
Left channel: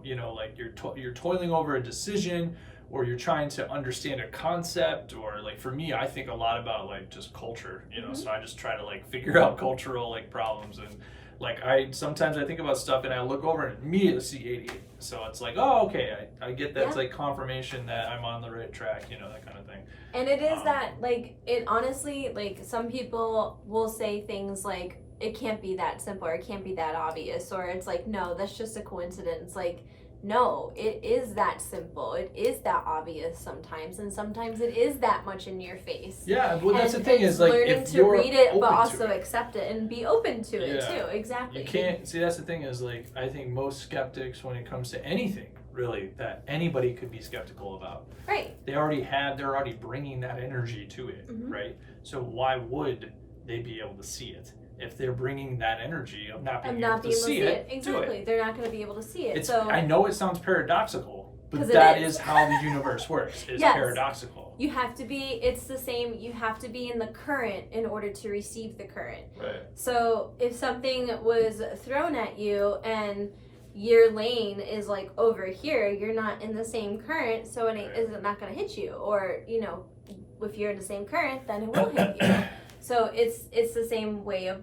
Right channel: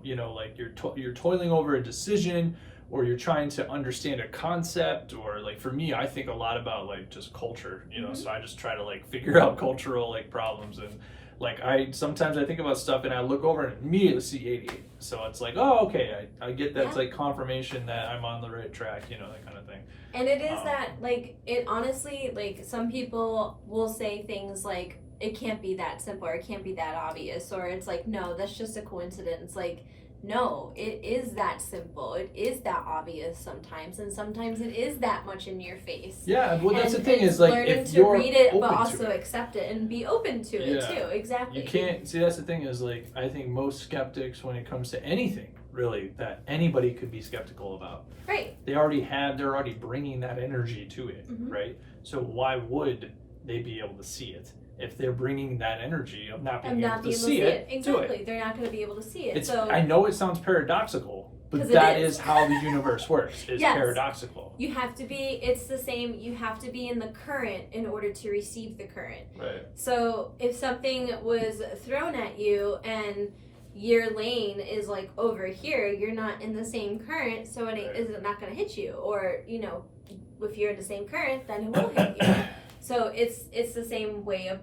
Like you're toiling over a decision, or you're trying to understand a concept, or like for me, I think a lot about like just culture, so I just try to like figure out cultural like problems, and like sometimes I think about stuff and I look over and immediately see 88. So it's like, oh, okay, I get that. It's like confirmation that I'm on the right track, that kind of thing. And it is that, like, it honestly, like, some people will say things like, it can't be that simple, or it can't be that obvious, or it's like, no, that's just a coincidence. Like, no, it is that simple. It is that obvious sometimes, and sometimes it is that much in your face. Yeah, well, that's the thing is, like, if you're learning to read it, but also accept it and be open to it too. Exactly. You can't see. That's the thing is, like, I think most skeptics, when it comes to anything, really, that anybody could be skeptical about. Right. They're already bringing that energy to it, right? So why would they be able to see it? If they're bringing that energy of not being able to see it, exactly, they're not going to be able to see it. So I know it sounds paradoxical, but that is how the universe works. It's paradoxical. You have to be. It's the same. You have to be in the current in order to receive the current. Right. So if something was thrown at you and your lane is like over here, you're not in the same current, so it is not going to hit you. Or if you're in the same current, then it will hit you. So it's the same way of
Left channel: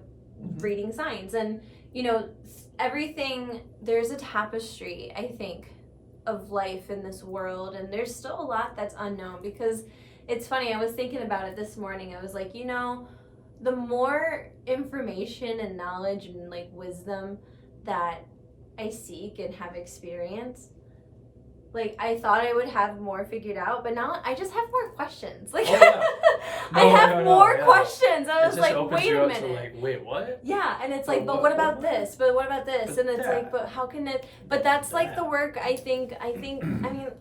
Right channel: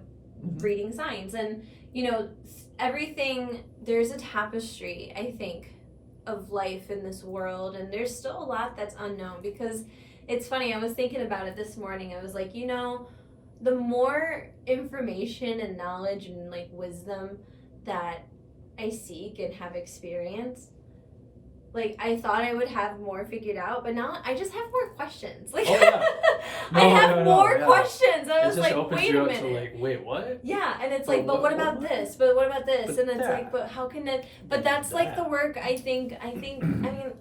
reading signs. And, everything, there's a tapestry, I think, of life in this world. And there's still a lot that's unknown, because it's funny, I was thinking about it this morning. I was like, the more information and knowledge and like wisdom that I seek and have experienced, like, I thought I would have more figured out, but now I just have more questions. Like, I have more questions. I was like, wait a minute. To like, wait, what? Yeah, and it's like, but what about this? But what about this? And it's like, but how can it? But that's like the work. I think. I mean,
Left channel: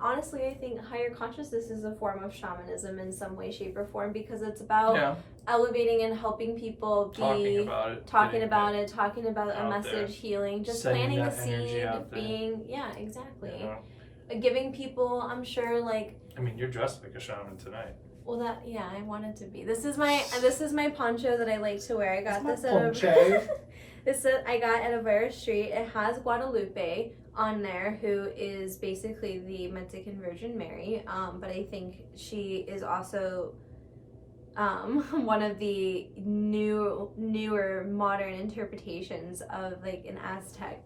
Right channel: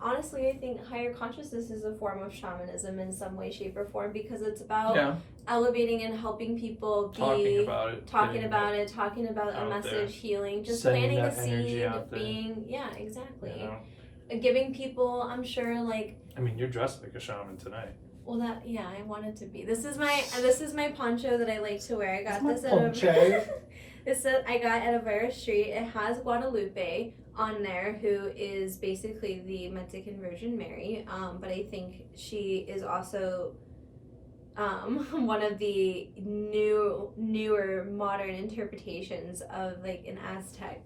honestly, I think higher consciousness is a form of shamanism in some way, shape, or form, because it's about elevating and helping people be talking about a message, healing, just planting a seed, being exactly. Giving people, I'm sure, like... I mean, you're dressed like a shaman tonight. Well, I wanted to be. This is my poncho that I like to wear. I got this I got at Avera Street. It has Guadalupe on there, who is basically the Mexican Virgin Mary. But I think she is also one of the newer modern interpretations of like an Aztec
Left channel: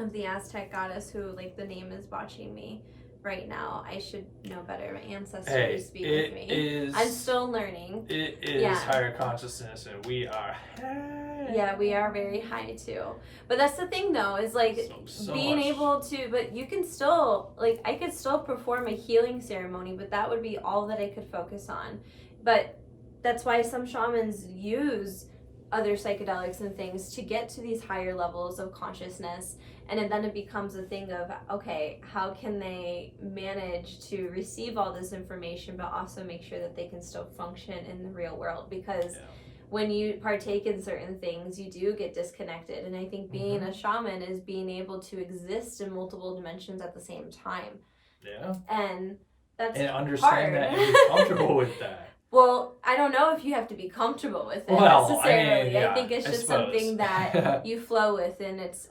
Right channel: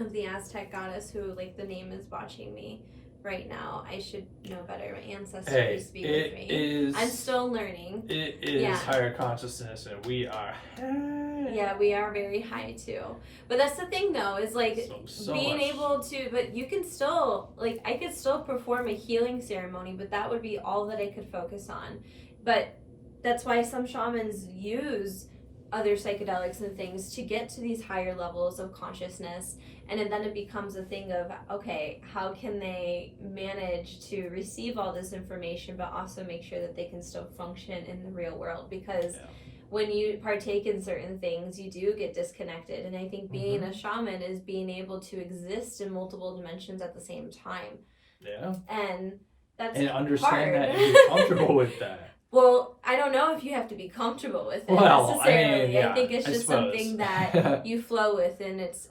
of the Aztec goddess, who, like, the name is watching me right now. I should know better. My ancestors speak with me. I'm still learning. It is higher consciousness, and we are high. Yeah, we are very high too. But that's the thing, though, is like being able to. But you can still, like, I could still perform a healing ceremony, but that would be all that I could focus on. But that's why some shamans use other psychedelics and things to get to these higher levels of consciousness. And then it becomes a thing of, okay, how can they manage to receive all this information, but also make sure that they can still function in the real world? Because when you partake in certain things, you do get disconnected. And I think being a shaman is being able to exist in multiple dimensions at the same time. Yeah. And that's understand hard. that and be comfortable with that. Well, I don't know if you have to be comfortable with it necessarily. I think it's just something that you flow with, and it's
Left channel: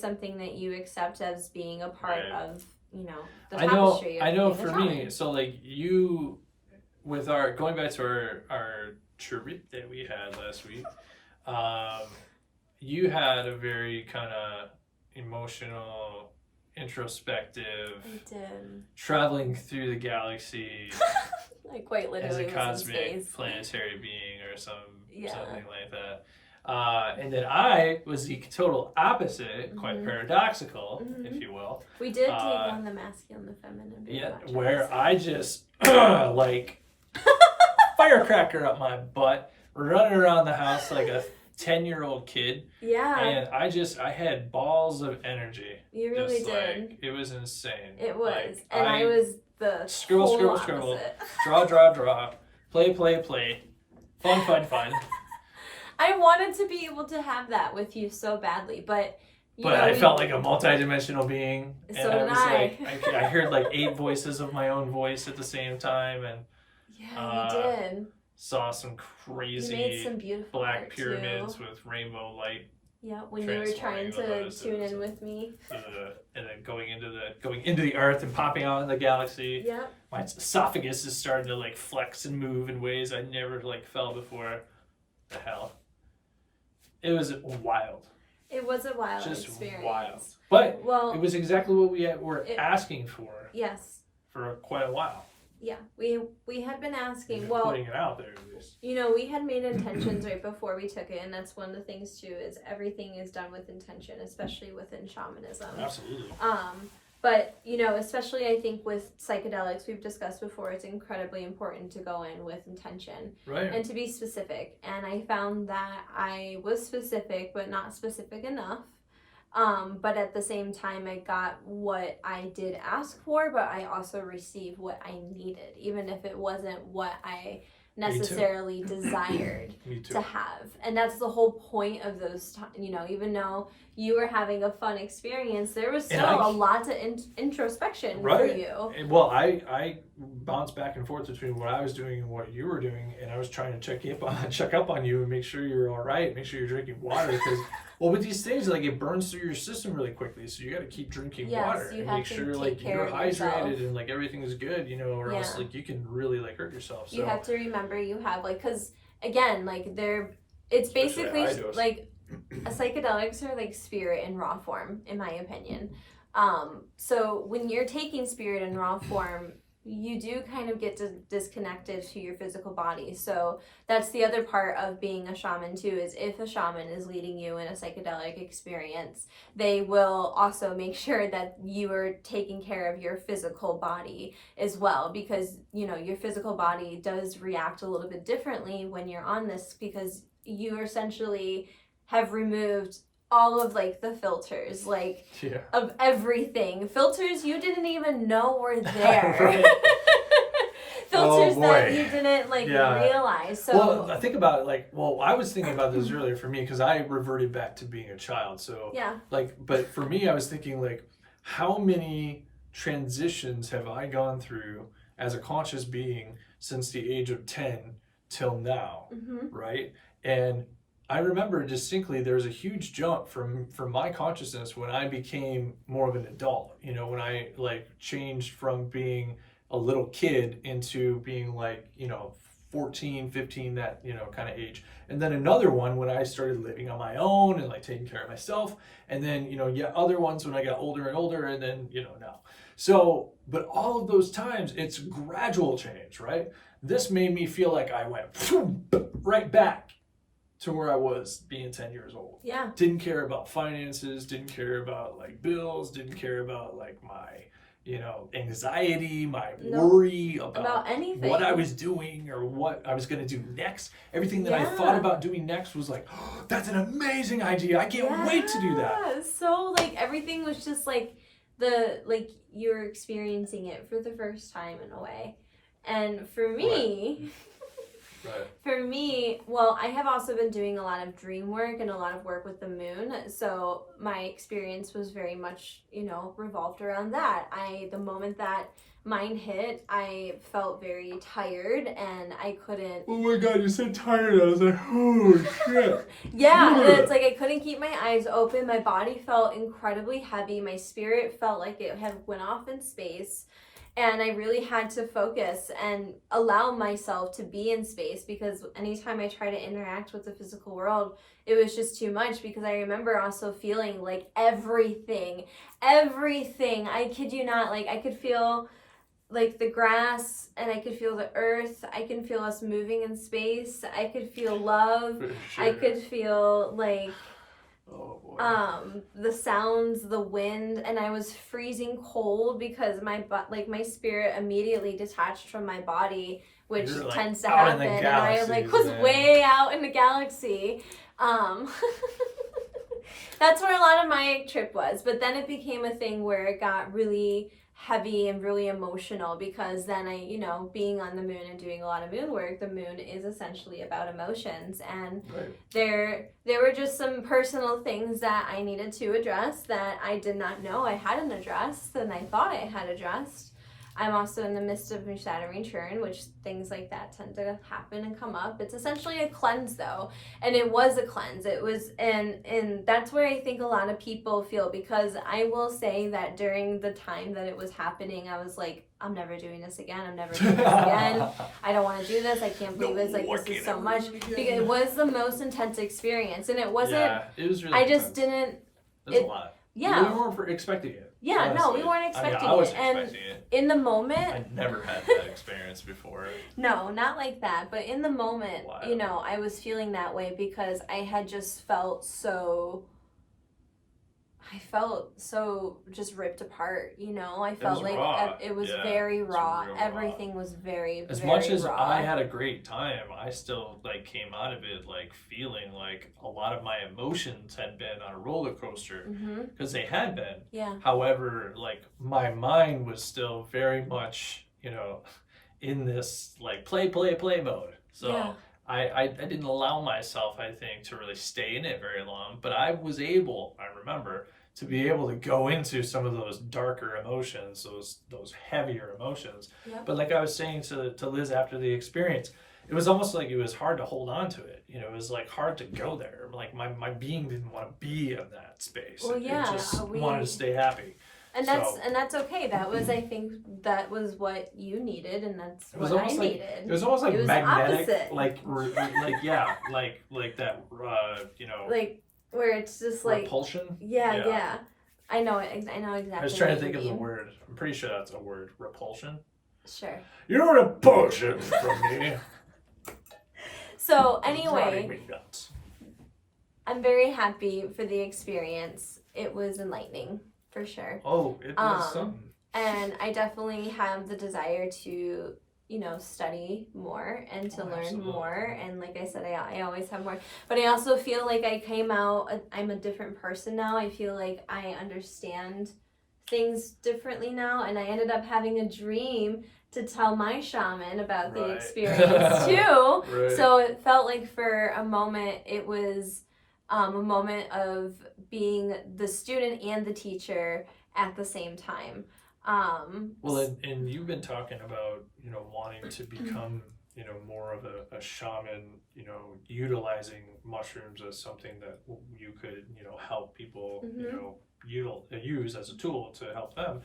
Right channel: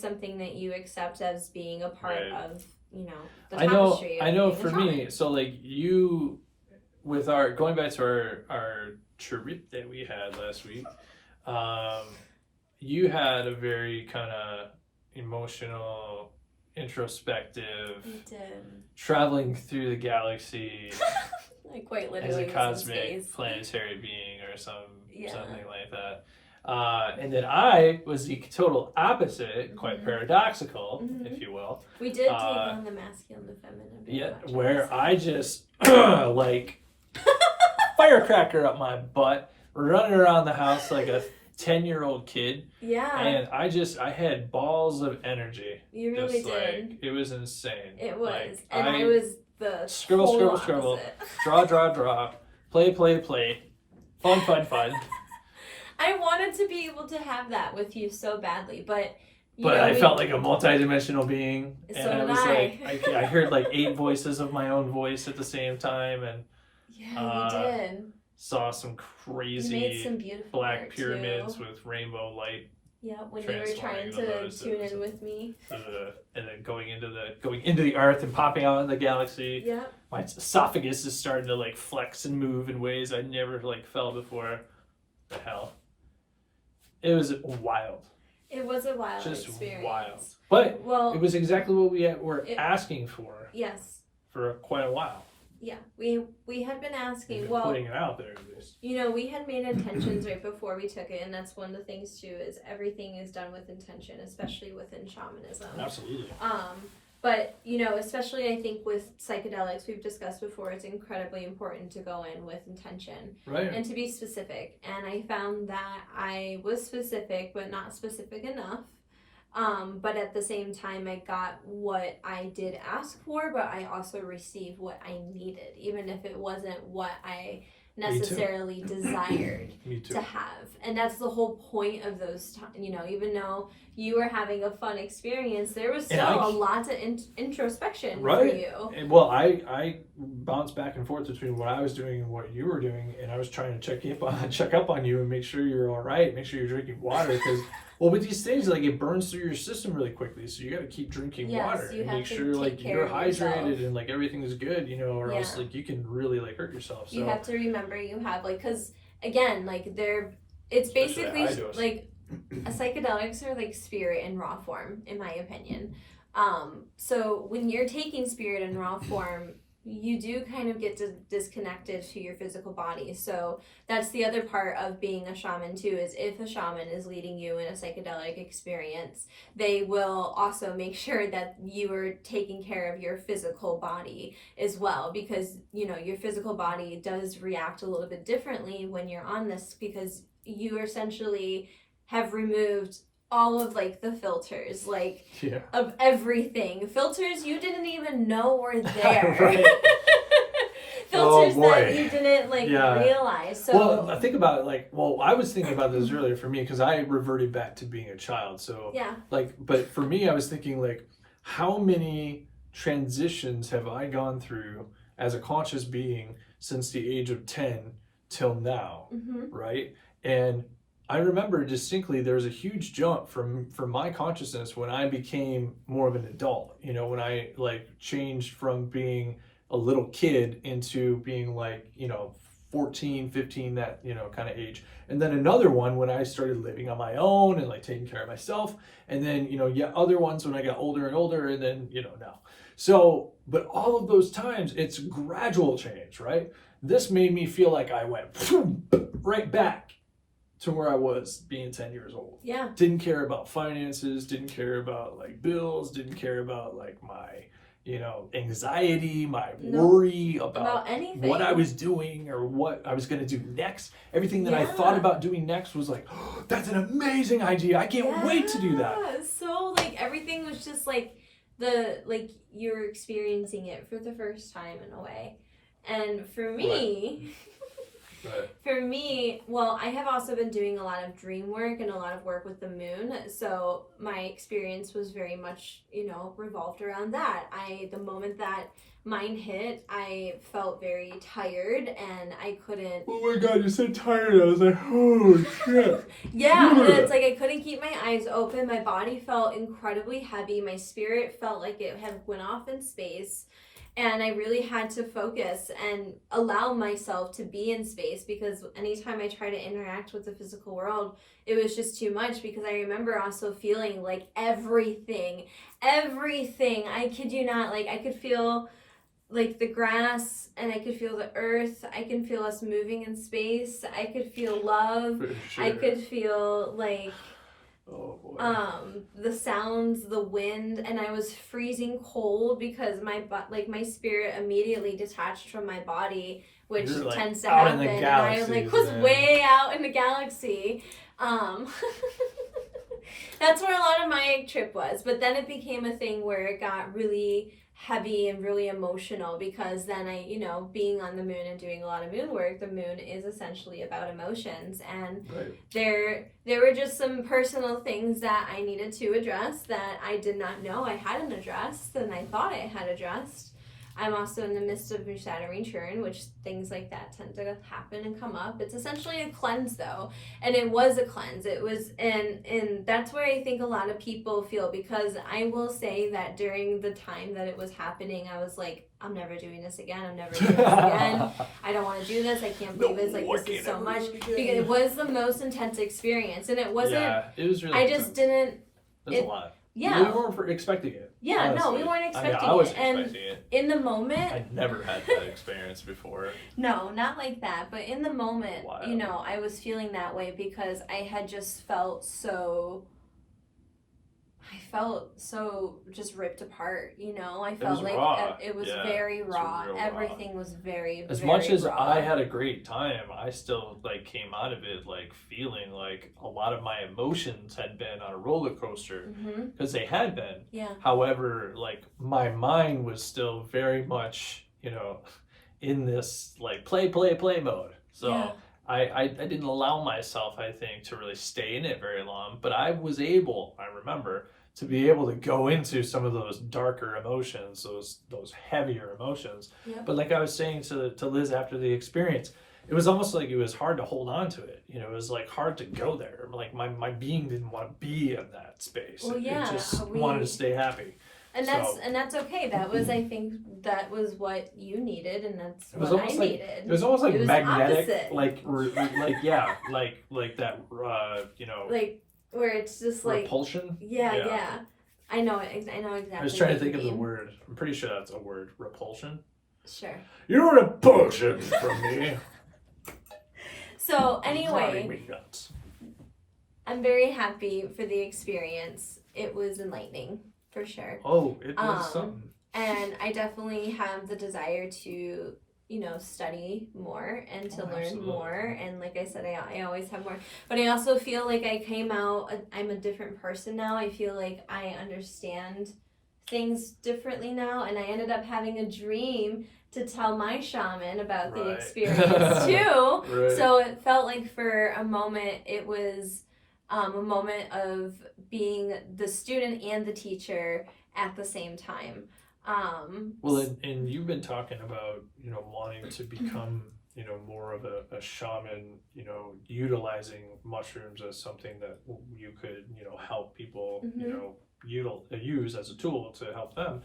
something that you accept as being a part of, the tapestry. I know for me, so like you, with going back to our trip that we had last week, you had a very kind of emotional, introspective, traveling through the galaxy. Like quite literally as a cosmic planetary being or something like that. And then I was the total opposite, quite paradoxical, if you will. We did take on the masculine, the feminine. Yeah, where I just like firecracker up my butt, running around the house like a 10-year-old kid. Yeah. And I had balls of energy. You really did. Like, it was insane. It was. Like, I was the scribble, draw, play, fun. I wanted to be able to have that with you so badly, but I felt like a multi-dimensional being, and so I was I. like, I heard like 8 voices of my own voice at the same time, and yeah, you did. Saw some crazy you made some beautiful black art pyramids too. with rainbow light. Yeah, when you were trying to tune in with me. And then going into the earth and popping out in the galaxy. Yeah. My esophagus is starting to like flex and move in ways I never like felt before. The hell. It was wild. It was a wild Just experience. Wild. But it was exactly what we were asking for. Yes. For quite a while. Yeah, we had been asking. Well, putting it out there at least. We had made intentions right before we took it, and that's one of the things too. Is everything is done with intention, especially within shamanism. Absolutely. But especially I think with psychedelics, we've discussed before, it's incredibly important to go in with intention, right, and to be specific. And I found that I was specific, but not specific enough. But at the same time, I got what I did ask for, but I also received what I needed, even if it wasn't what I necessarily desired to have. And that's the whole point of those, even though you were having a fun experience, there was still a lot of introspection for you. And, well, I bounced back and forth between what I was doing and what you were doing, and I was trying to check up on you and make sure you're all right, make sure you're drinking water, because well, with these things, like, it burns through your system really quickly, so you got to keep drinking water and make sure like you're hydrated and like everything is good, or else like you can really like hurt yourself. So you have to remember you have because again, like it's basically like psychedelics are like spirit in raw form, in my opinion. So when you're taking spirit in raw form, you do kind of get disconnected to your physical body. So that's the other part of being a shaman too, is if a shaman is leading you in a psychedelic experience, they will also make sure that you are taking care of your physical body as well, because your physical body does react a little bit differently when you're on this, because you essentially have removed all of like the filters, of everything. Filters you didn't even know were there. Filters that you didn't realize. So well, I think about it I was thinking about this earlier for me, because I reverted back to being a child. So but for me, I was thinking how many transitions have I gone through as a conscious being since the age of 10 till now, right? And I remember distinctly there was a huge jump from my consciousness when I became more of an adult, when I changed from being a little kid into being 14, 15, that, kind of age. And then another one when I started living on my own and taking care of myself. And then, other ones when I got older and older, and then, now. So, but all of those times, it's gradual change, right? This made me feel like I went right back to where I was being 10 years old. Yeah. Didn't care about finances, didn't care about bills, didn't care about my, anxiety, my worry about anything, what I was doing or what I was going to do next. Everything that I thought about doing next was oh, that's an amazing idea. I can't wait to do that. So everything was just you're experiencing it for the first time in a way. And for me, For me, I have also been doing a lot of dream work and a lot of work with the moon. So my experience was very much, revolved around that. The moment that mine hit, I felt very tired and I couldn't. Oh my God, you said tired. I was like, oh shit. It's I couldn't keep my eyes open. My body felt incredibly heavy. My spirit felt like it had went off in space. And I really had to focus and allow myself to be in space, because anytime I try to interact with the physical world, it was just too much, because I remember also feeling everything. I kid you not, I could feel the grass, and I could feel the earth. I can feel us moving in space. I could feel love. Sure. I could feel oh boy. The sounds, the wind, and I was freezing cold because my spirit immediately detached from my body, which tends to happen. And I was way out in the galaxy. That's where a lot of my trip was. But then it became a thing where it got really heavy and really emotional, because then I, you know, being on the moon and doing a lot of moon work, the moon is essentially about emotions, and there were just some personal things that I needed to address that I did not know I hadn't addressed, and I thought I had addressed. I'm also in the midst of Saturn return, which things like that tend to happen and come up. It's essentially a cleanse, though, and it was a cleanse. It was, and that's where I think a lot of people feel, because I will say that during the time that it was happening, I was like, I'm never doing this again. I'm never doing this again. I don't want to do this. I can't believe this. Like, this is so much. Because it was the most intense experience, and it wasn't. Yeah, it was really. I just didn't. That's a lot. Yeah. We weren't expecting it. Yeah, honestly. no, we weren't expecting it. I wasn't expecting it. In the moment, I never had that experience before. No, not like that. But in the moment, you know, I was feeling that way because I had just felt so. I felt so just ripped apart, you know. I felt like raw. It was very raw. Everything was very, as very much as raw. I had a great time, I still like came out of it like feeling like a lot of my emotions had been on a roller coaster, because they had been. Yeah. However, like my mind was still very much, you know, in this like play mode. So. Yeah. I didn't allow myself, I think, to really stay in it very long, but I was able, I remember, to be able to go into some of those darker emotions, those heavier emotions. Yep. But like I was saying to Liz after the experience, it was almost like it was hard to hold on to it. You know, it was like hard to go there. Like my being didn't want to be in that space. Well, yeah, it just wanted to stay happy. And that's okay. That was, I think, that was what you needed, and that's what I needed. It was almost like magnetic, opposite. like that, you know, like where it's just like repulsion. Yeah. I know exactly. I was trying to think of the word. I'm pretty sure that's a word. Repulsion. Sure. You're a repulsion from me. So anyway, I'm very happy for the experience. It was enlightening. For sure. Oh, it was something. And I definitely have the desire to, you know, study more and to learn more. And like I said, I always have more. But I also feel like I came out, I'm a different person now. I feel like I understand things differently now. And I ended up having a dream to tell my shaman about the experience too. So it felt like for a moment it was a moment of being the student and the teacher at the same time. Well, and you've been talking about, you know, wanting to become, you know, more of a shaman, you know, utilizing mushrooms as something that you could, you know, help people, you know, use as a tool to help them.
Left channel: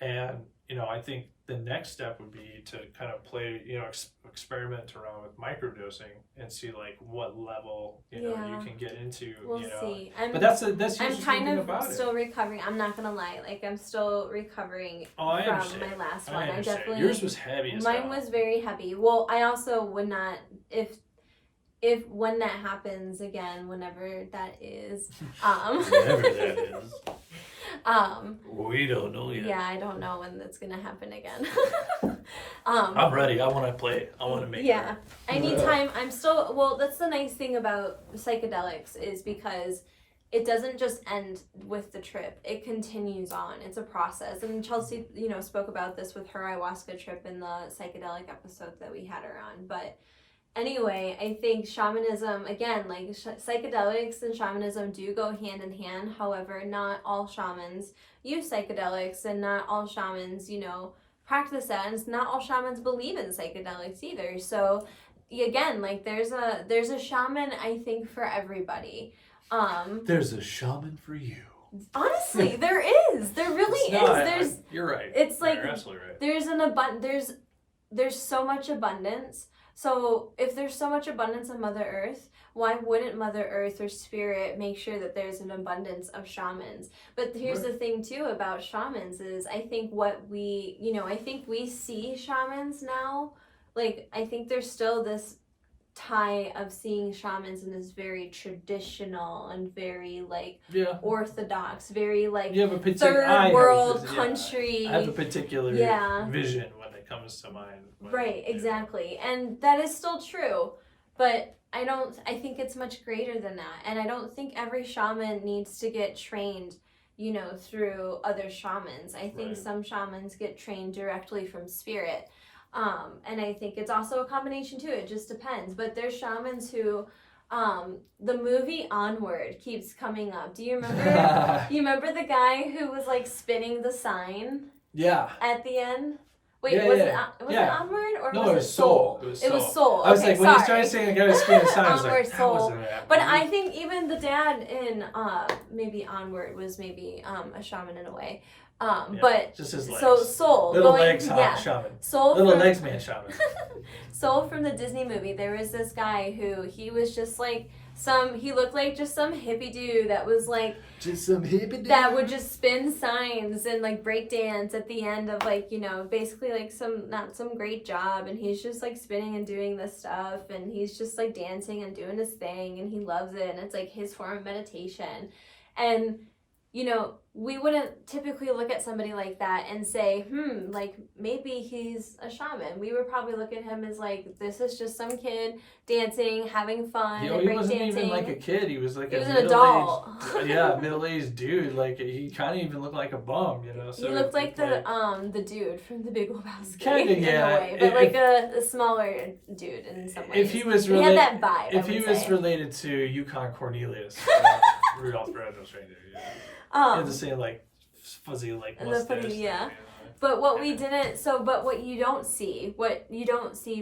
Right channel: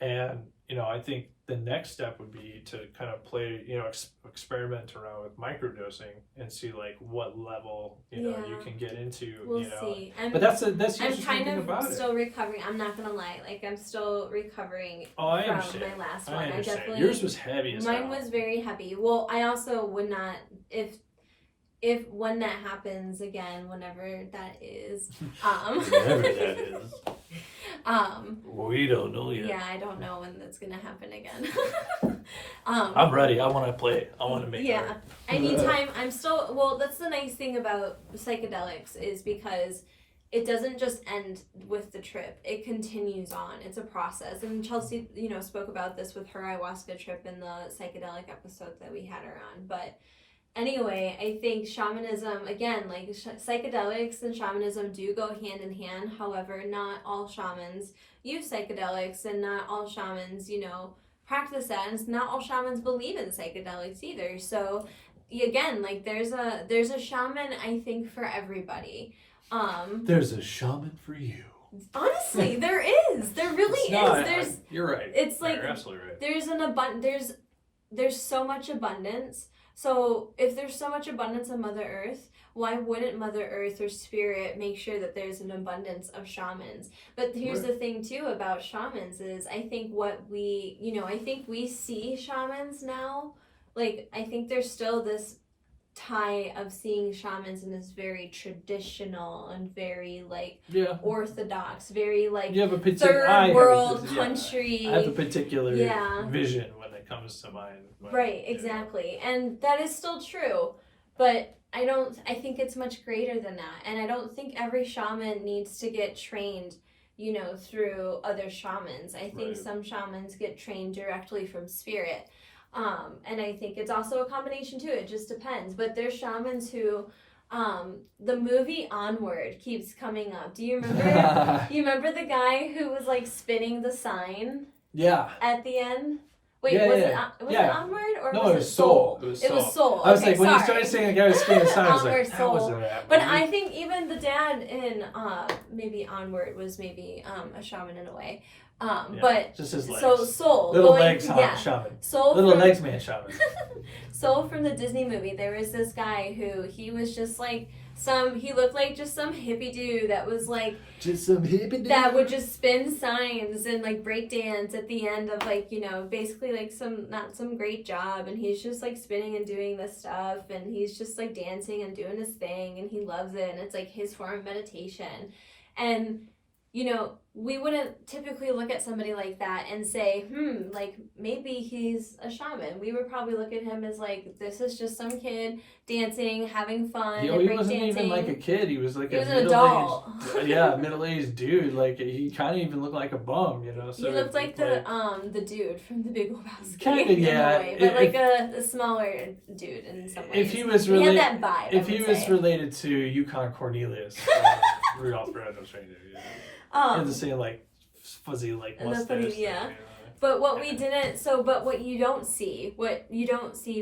And, you know, I think the next step would be to kind of play, you know, experiment around with microdosing and see like what level, you know, you can get into. We'll you know. See. But that's the I'm kind of still it. recovering. I'm not gonna lie, like I'm still recovering from my last one. I definitely. Yours was heavy as mine was very heavy. Well, I also would not if when that happens again, whenever that is. Whenever that is. We don't know yet. Yeah, I don't know when that's gonna happen again. I'm ready. I want to play. I want to make. Yeah, anytime. I'm still. Well, that's the nice thing about psychedelics is because it doesn't just end with the trip. It continues on. It's a process. And Chelsea, you know, spoke about this with her ayahuasca trip in the psychedelic episode that we had her on. But anyway, I think shamanism, again, like psychedelics and shamanism do go hand in hand. However, not all shamans use psychedelics and not all shamans, you know, practice that. And not all shamans believe in psychedelics either. So again, like there's a shaman, I think, for everybody. There's a shaman for you. Honestly, there is. There really is. You're right. It's like you're absolutely right. There's an there's so much abundance. So if there's so much abundance in Mother Earth, why wouldn't Mother Earth or Spirit make sure that there's an abundance of shamans? But here's the thing too about shamans is I think I think we see shamans now. Like I think there's still this tie of seeing shamans in this very traditional and very like orthodox, very like you have a third world country. I have a particular vision when it comes to mine. Exactly. And that is still true. But I think it's much greater than that. And I don't think every shaman needs to get trained through other shamans. I think Right. some shamans get trained directly from spirit. And I think it's also a combination too. It just depends. But there's shamans who, the movie Onward keeps coming up. Do you remember? You remember the guy who was like spinning the sign? Yeah. At the end. Wait, Yeah, was yeah, it yeah. Onward or No, was it was Soul. It was Soul. I was Okay, like, when you sorry. started saying the guy was spinning the sign, I was like, Onward, that Soul. wasn't that But movie. I think even the dad in maybe Onward was maybe a shaman in a way. Yeah, But just his legs. so Soul. Little legs, shaman. Soul Little from, legs, man, shaman. Soul from the Disney movie. There was this guy who he was just like he looked like just some hippie dude that was like Just some hippie dude. that would just spin signs and like break dance at the end of like basically like not some great job, and he's just like spinning and doing this stuff, and he's just like dancing and doing his thing, and he loves it, and it's like his form of meditation. And we wouldn't typically look at somebody like that and say, like maybe he's a shaman. We would probably look at him as like, this is just some kid dancing, having fun. He wasn't even like a kid. He was like he was an adult. Middle-aged dude. Like he kind of even looked like a bum, So he looked like the dude from The Big Lebowski. Kind of, yeah. In a way, but like a smaller dude in some ways. If he was he had that vibe. If he was related to Yukon Cornelius, Rudolph the Red-Nosed Reindeer, he had the same like fuzzy like mustache. Yeah. But what what you don't see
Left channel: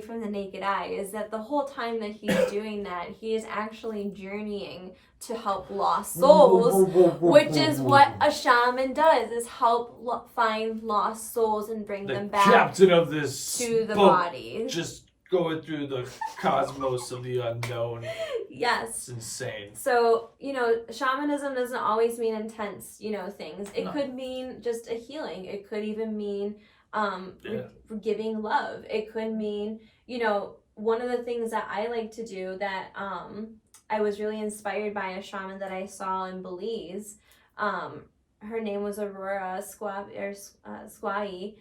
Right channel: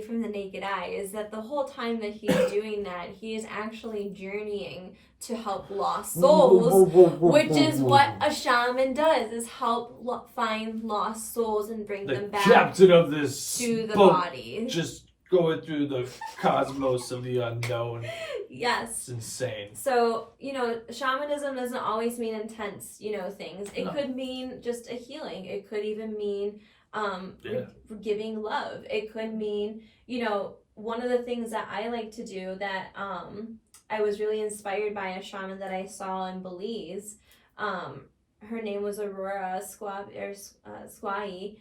from the naked eye is that the whole time that he's doing that, he is actually journeying to help lost souls, which is what a shaman does, is help find lost souls and bring them back captain of this to the boat, body. just going through the cosmos of the unknown. Yes. It's insane. So, shamanism doesn't always mean intense, things. It could mean just a healing. It could even mean giving love. It could mean, one of the things that I like to do that I was really inspired by a shaman that I saw in Belize. Her name was Aurora Squai.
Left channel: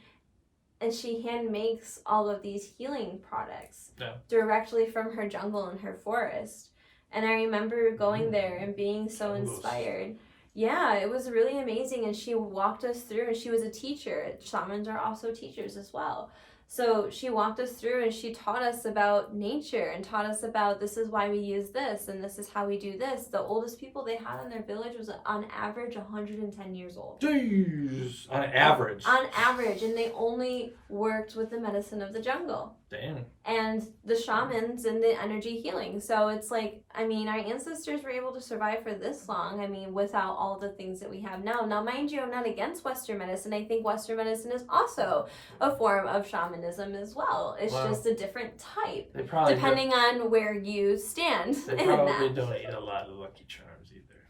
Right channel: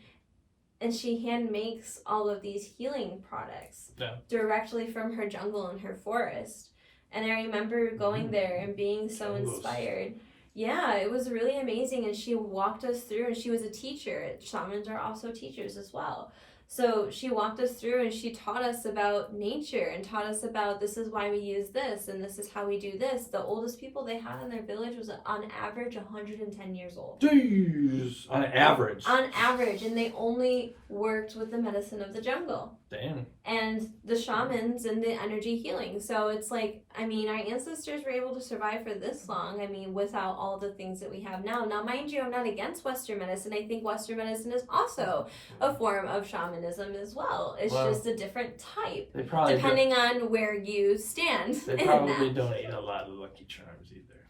And she hand makes all of these healing products directly from her jungle and her forest. And I remember going there and being so inspired. Yeah, it was really amazing. And she walked us through, and she was a teacher. Shamans are also teachers as well. So she walked us through and she taught us about nature and taught us about this is why we use this and this is how we do this. The oldest people they had in their village was on average 110 years old. Jeez. On average. On average. And they only worked with the medicine of the jungle. Damn. And the shamans and the energy healing. So it's like, our ancestors were able to survive for this long, without all the things that we have now. Now, mind you, I'm not against Western medicine. I think Western medicine is also a form of shamanism as well. It's just a different type. They probably depending on where you stand. They probably don't eat a lot of Lucky Charms either.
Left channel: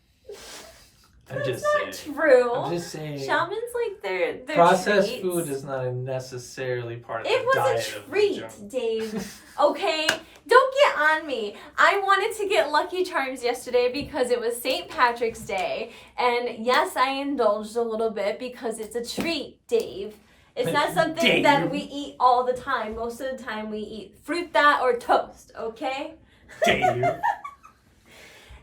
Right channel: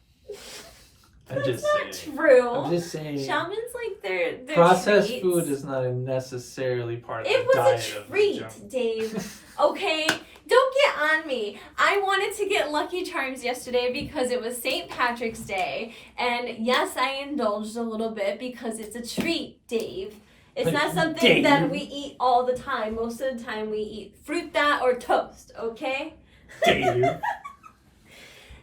That's not true. I'm just saying. Shamans like their processed treats. food is not necessarily part of it the diet. It was a treat, Dave. Okay? Don't get on me. I wanted to get Lucky Charms yesterday because it was St. Patrick's Day. And yes, I indulged a little bit because it's a treat, Dave. It's not something that we eat all the time. Most of the time we eat fruit that or toast, okay? Dave.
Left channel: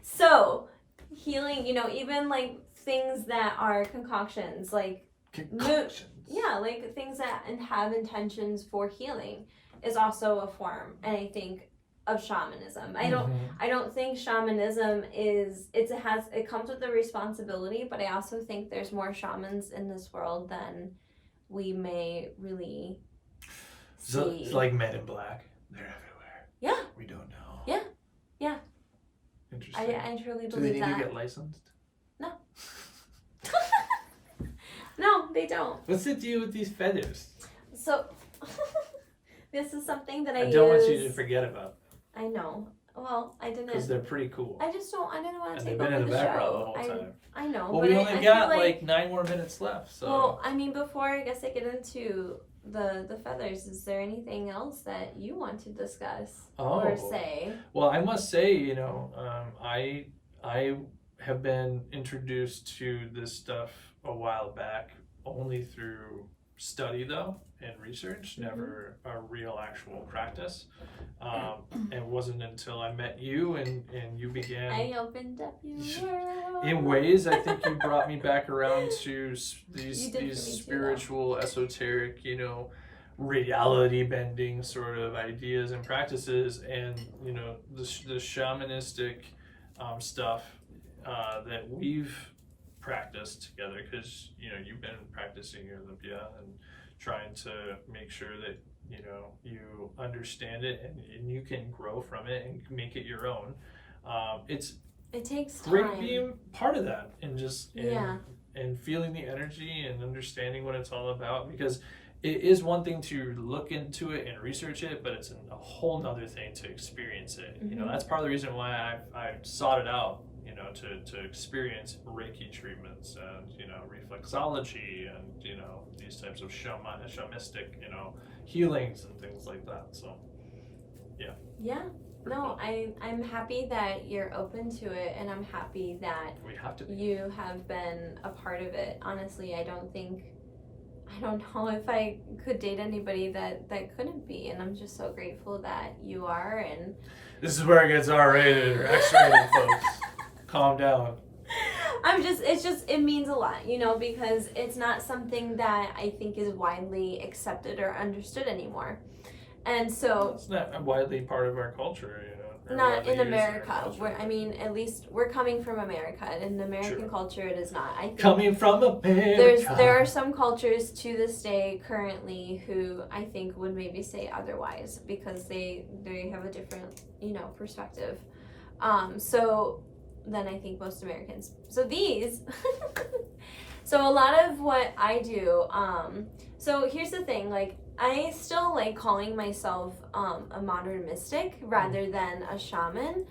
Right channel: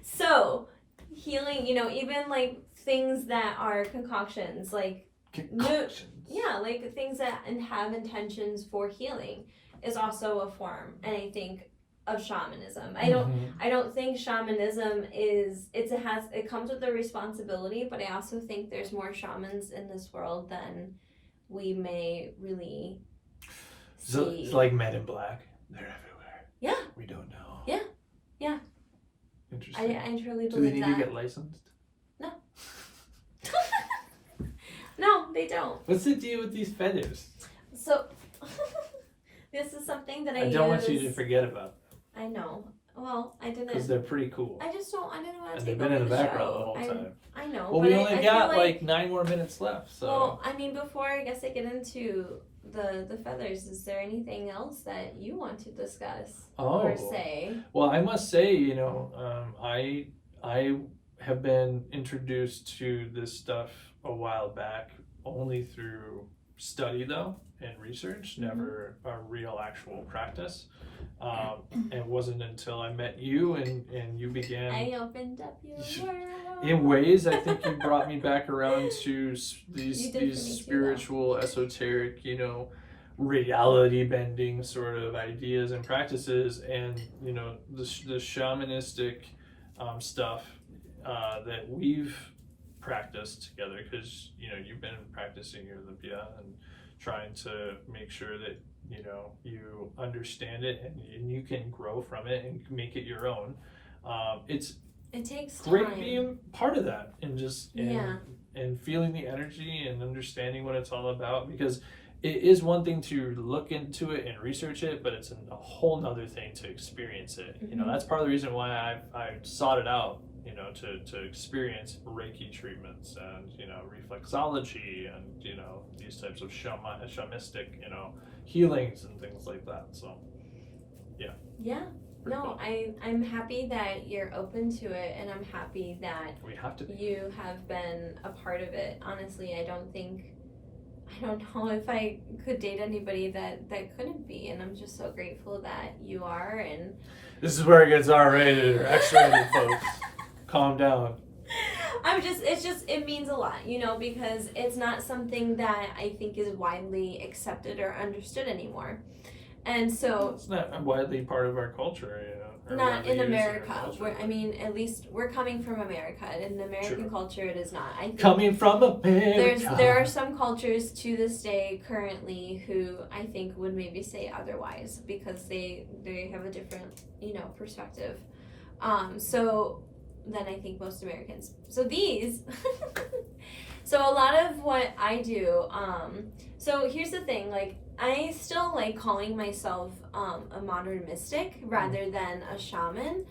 So, healing, even like things that are concoctions, like like things that have intentions for healing is also a form, and I think of shamanism. I don't think shamanism it comes with the responsibility, but I also think there's more shamans in this world than we may really see. So it's like Men in Black. They're everywhere. Yeah. We don't know. Yeah. Interesting. I truly believe that. Do they need to get licensed? No. No, they don't. What's the deal with these feathers? So, this is something that I don't want you to forget about them. I know. Well, I didn't. Because they're pretty cool. I didn't want to and take they've been in the background show. the whole time. I know. Well, we only got like 9 more minutes left, so. Well, before I guess I get into the feathers, is there anything else that you want to discuss or say? Well, I must say, I have been introduced to this stuff a while back only through study though and research, never a real actual practice. It wasn't until I met you and you began. I opened up your world. In ways, I think you brought me back around to these spiritual, esoteric, you know, reality bending sort of ideas and practices, and you know the shamanistic stuff that we've practiced together, because you know you've been practicing your Olympia and trying to make sure that you know you understand it and you can grow from it and make it your own. It takes time. Great being part of that and just and feeling the energy and understanding what it's all about, because it is one thing to look into it and research it, but it's a whole nother thing to experience it. You know, that's part of the reason why I sought it out, you know, to experience Reiki treatments and, you know, reflexology and, you know, these types of shamanistic, you know, healings and things like that. So, yeah. Yeah. No, cool. I'm happy that you're open to it, and I'm happy that you have been a part of it. Honestly, I don't know if I could date anybody that couldn't be, and I'm just so grateful that you are. And this is where it gets R-rated or X-rated, folks. Calm down. It means a lot, you know, because it's not something that I think is widely accepted or understood anymore. And so it's not widely part of our culture, you know. Not in America. At least we're coming from America. In American culture, it is not. I think coming from America. There are some cultures to this day currently who I think would maybe say otherwise, because they have a different, you know, perspective. So then I think most Americans. So these. So a lot of what I do. So here's the thing, like, I still like calling myself a modern mystic rather than a shaman,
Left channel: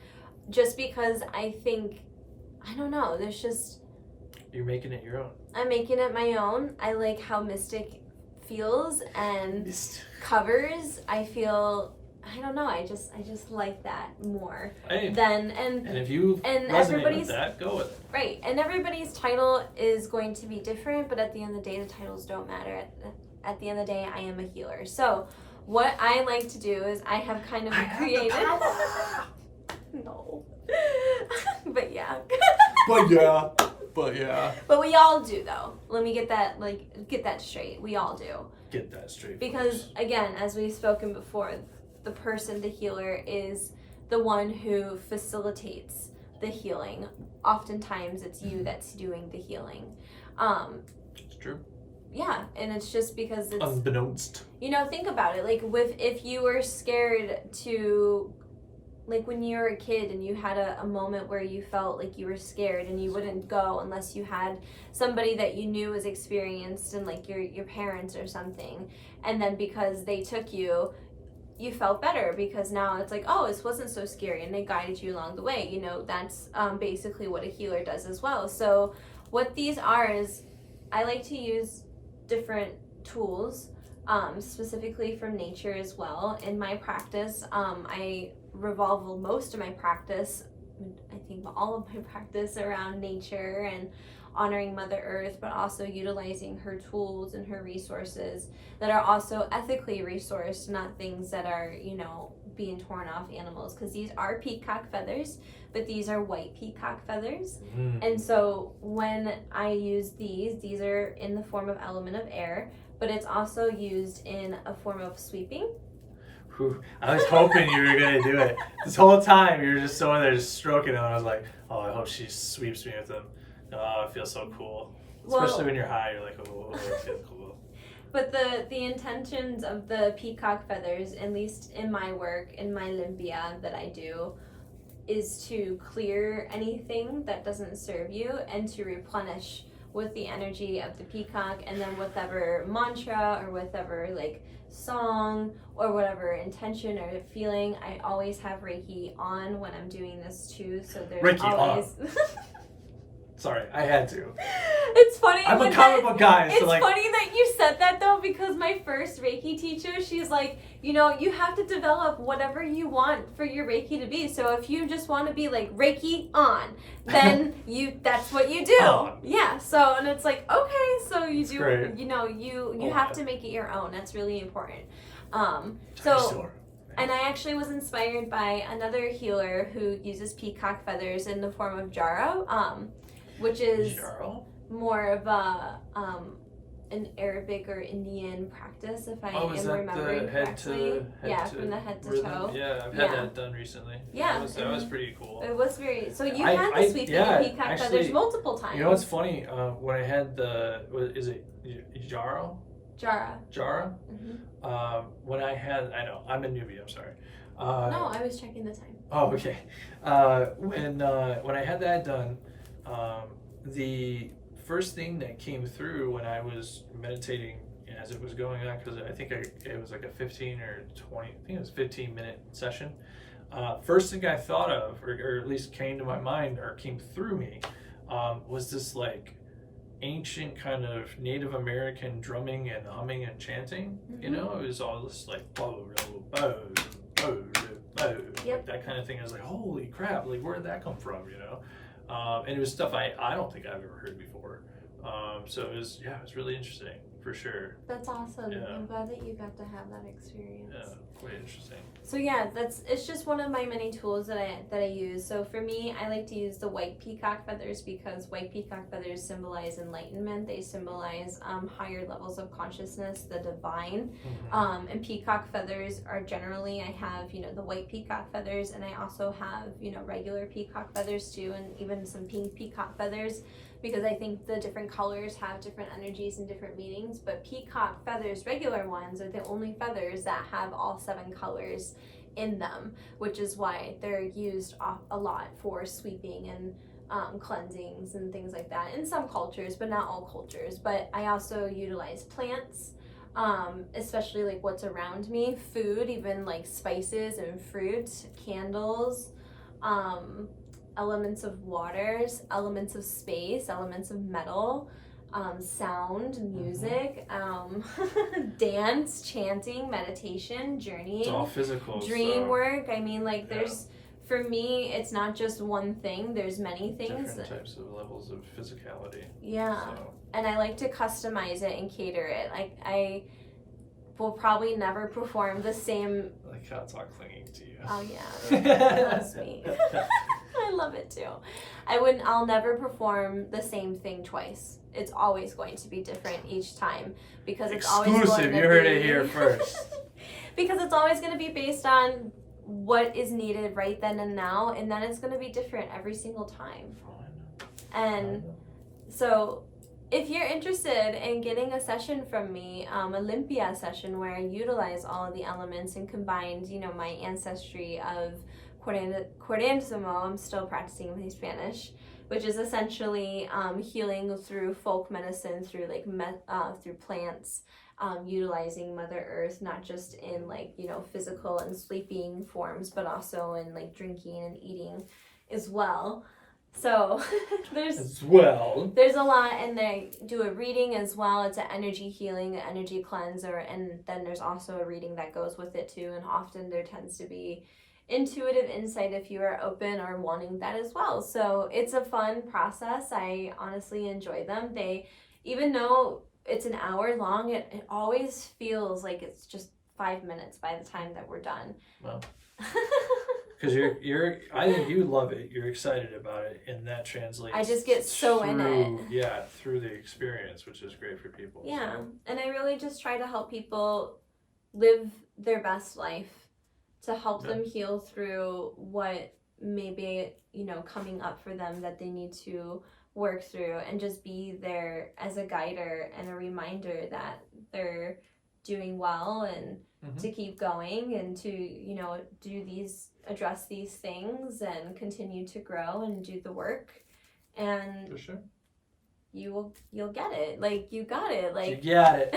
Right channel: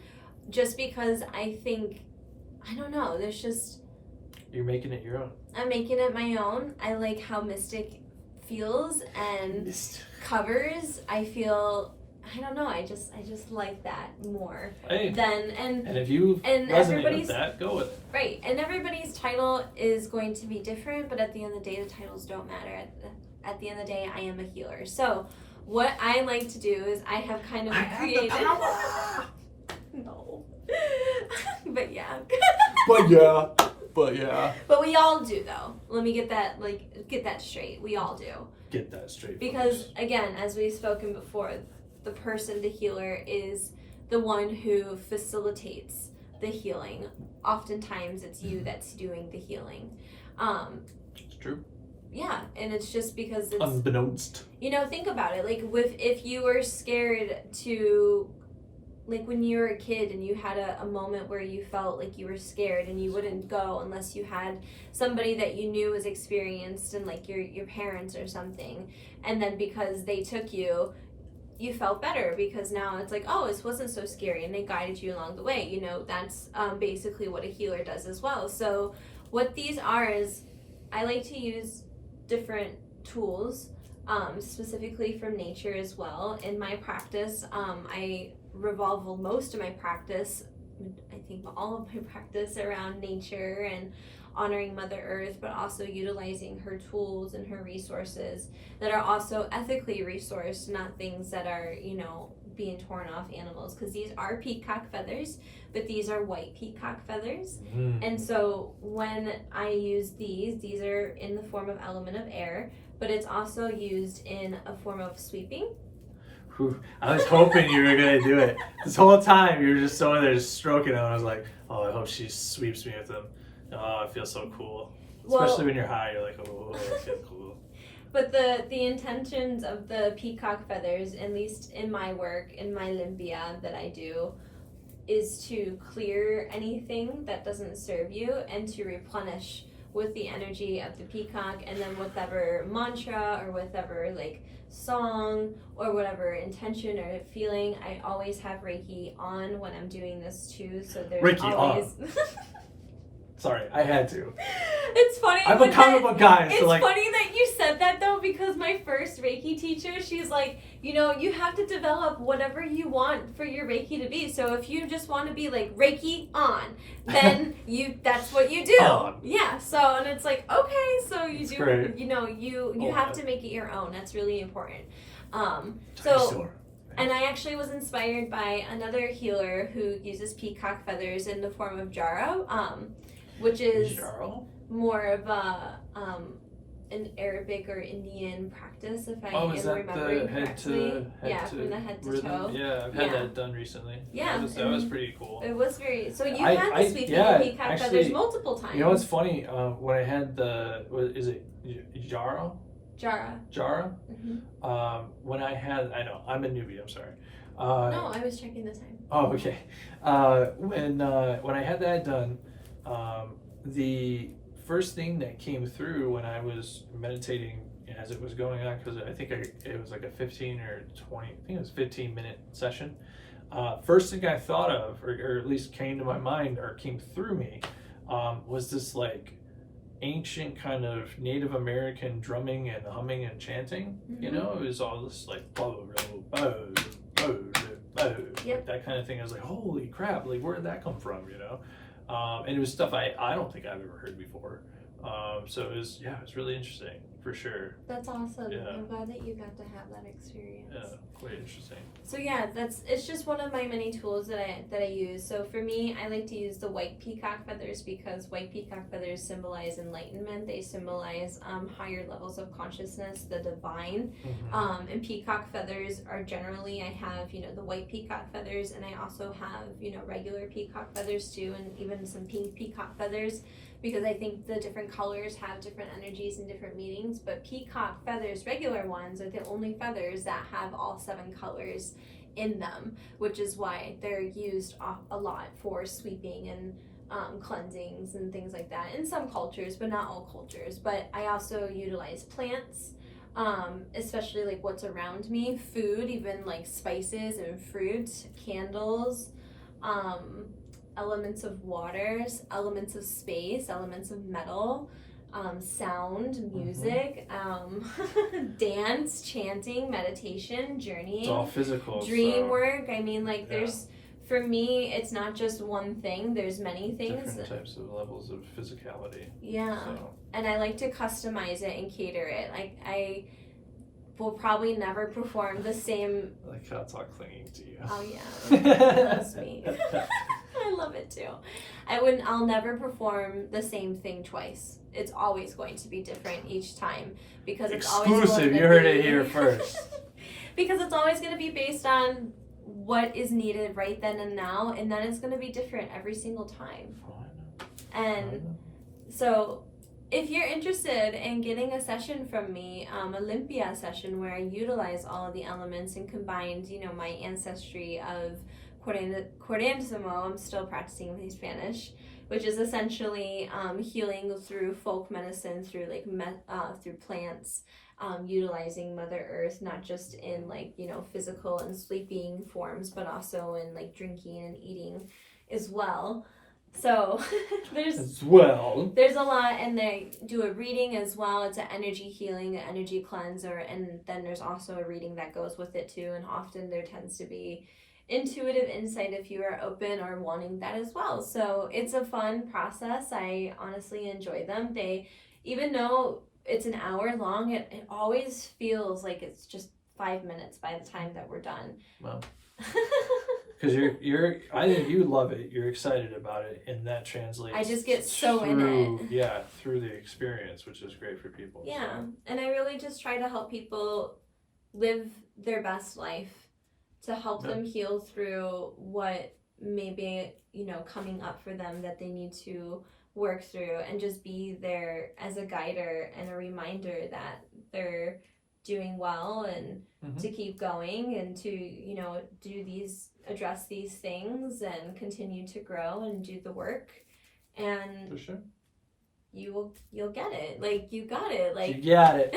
just because I think, I don't know, there's just... You're making it your own. I'm making it my own. I like how mystic feels and covers. I feel, I don't know, I just like that more than... And if you resonate with that, go with it. Right, and everybody's title is going to be different, but at the end of the day, the titles don't matter. At the end of the day, I am a healer. So what I like to do is I have kind of created... No. But yeah. But we all do, though. Let me get that straight. We all do. Get that straight. Because, again, as we've spoken before, the person, the healer, is the one who facilitates the healing. Oftentimes, it's you that's doing the healing. It's true. Yeah, and it's just because it's... Unbeknownst. You know, think about it. Like, if you were scared to... Like, when you were a kid and you had a moment where you felt like you were scared and you wouldn't go unless you had somebody that you knew was experienced, and, like, your parents or something. And then because they took you, you felt better, because now it's like, oh, this wasn't so scary, and they guided you along the way. You know, that's basically what a healer does as well. So what these are is, I like to use different tools, specifically from nature as well. In my practice, I revolve most of my practice, I think all of my practice, around nature and honoring Mother Earth, but also utilizing her tools and her resources that are also ethically resourced, not things that are, you know, being torn off animals, because these are peacock feathers, but these are white peacock feathers. And so when I use these are in the form of element of air, but it's also used in a form of sweeping. I was hoping you were going to do it. This whole time you were just over there just stroking them. I was like, oh, I hope she sweeps me with them. Oh, it feels so cool. Especially when you're high, you're like, oh, that feels cool. But the intentions of the peacock feathers, at least in my work, in my limpia that I do, is to clear anything that doesn't serve you and to replenish with the energy of the peacock, and then whatever mantra or whatever, like, song or whatever intention or feeling, I always have Reiki on when I'm doing this too. So there's Reiki always on. Sorry, I had to. It's funny. I'm a comic book guy. It's funny that you said that though, because my first Reiki teacher, she's like, you know, you have to develop whatever you want for your Reiki to be. So if you just want to be like Reiki on, then that's what you do. On. Yeah. So, and it's like, okay, so you That's do, great. you have to make it your own. That's really important. Sure. And I actually was inspired by another healer who uses peacock feathers in the form of jarrow, which is more of a an Arabic or Indian practice, if I am remembering correctly. From the head to rhythm. toe. Yeah, I've had that done recently. Yeah, that was pretty cool. It was very. So you had the sweeping and peacock feathers multiple times. You know what's funny? When I had is it Jara? Jara. Mm-hmm. When I had, I know I'm a newbie. I'm sorry. No, I was checking the time. Oh, okay. When I had that done, the first thing that came through when I was meditating as it was going on, because I think it was like a 15 or 20, I think it was 15-minute session. First thing I thought of, or at least came to my mind or came through me, was this like ancient kind of Native American drumming and humming and chanting. Mm-hmm. You know, it was all this like like that kind of thing. I was like, holy crap, like where did that come from, you know? And it was stuff I don't think I've ever heard before. So it was really interesting for sure. That's awesome. Yeah. I'm glad that you got to have that experience. Yeah, quite interesting. So yeah, it's just one of my many tools that I use. So for me, I like to use the white peacock feathers because white peacock feathers symbolize enlightenment. They symbolize higher levels of consciousness, the divine. Mm-hmm. And peacock feathers are generally, I have, the white peacock feathers, and I also have, regular peacock feathers too, and even some pink peacock feathers, because I think the different colors have different energies and different meanings. But peacock feathers, regular ones, are the only feathers that have all 7 colors in them, which is why they're used a lot for sweeping and cleansings and things like that in some cultures, but not all cultures. But I also utilize plants, especially like what's around me, food, even like spices and fruits, candles, elements of waters, elements of space, elements of metal, sound, music, dance, chanting, meditation, journeying. It's all physical. Dream work. I mean, like there's, for me, it's not just one thing. There's many things. Different types of levels of physicality. Yeah. So. And I like to customize it and cater it. Like I will probably never perform the same. I like how it's all clinging to you. Oh yeah, he loves me. I love it too. I'll never perform the same thing twice. It's always going to be different each time because it's always exclusive. You heard it here first. Because it's always going to be based on what is needed right then and now, and then it's going to be different every single time. And so if you're interested in getting a session from me, Olympia session where I utilize all of the elements and combined, my ancestry of Cuarentamo, I'm still practicing my Spanish, which is essentially healing through folk medicine, through through plants, utilizing Mother Earth, not just in physical and sleeping forms, but also in drinking and eating as well. So there's a lot, and they do a reading as well. It's an energy healing, an energy cleanser, and then there's also a reading that goes with it too. And often there tends to be intuitive insight if you are open or wanting that as well. So it's a fun process. I honestly enjoy them. Even though it's an hour long, it always feels like it's just 5 minutes by the time that we're done. Well, because I think you love it. You're excited about it, and that translates. I just get so in it. Yeah, through the experience, which is great for people. Yeah, so. And I really just try to help people live their best life, to help them heal through what may be, coming up for them that they need to work through, and just be there as a guider and a reminder that they're doing well, and to keep going, and to address these things and continue to grow and do the work. And for sure, you'll get it. You got it. You got it.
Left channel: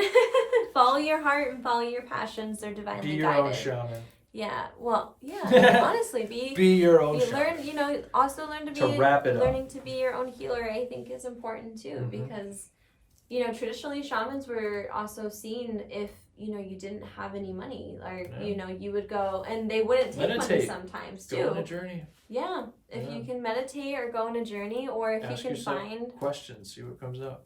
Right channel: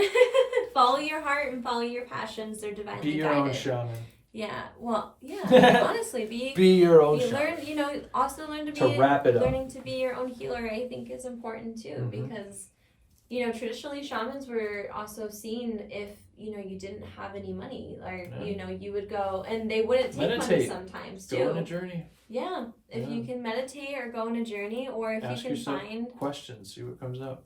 Follow your heart and follow your passions. They're divinely guided. Be your own shaman. Yeah, well, yeah. Honestly, be your own shaman. Learn. Also learn to be. To wrap it up. Learning to be your own healer, I think, is important too, because traditionally shamans were also seen if you didn't have any money, or you would go, and they wouldn't take money sometimes too. Go on a journey. Yeah, if you can meditate or go on a journey, or if Ask you can yourself find questions, see what comes up.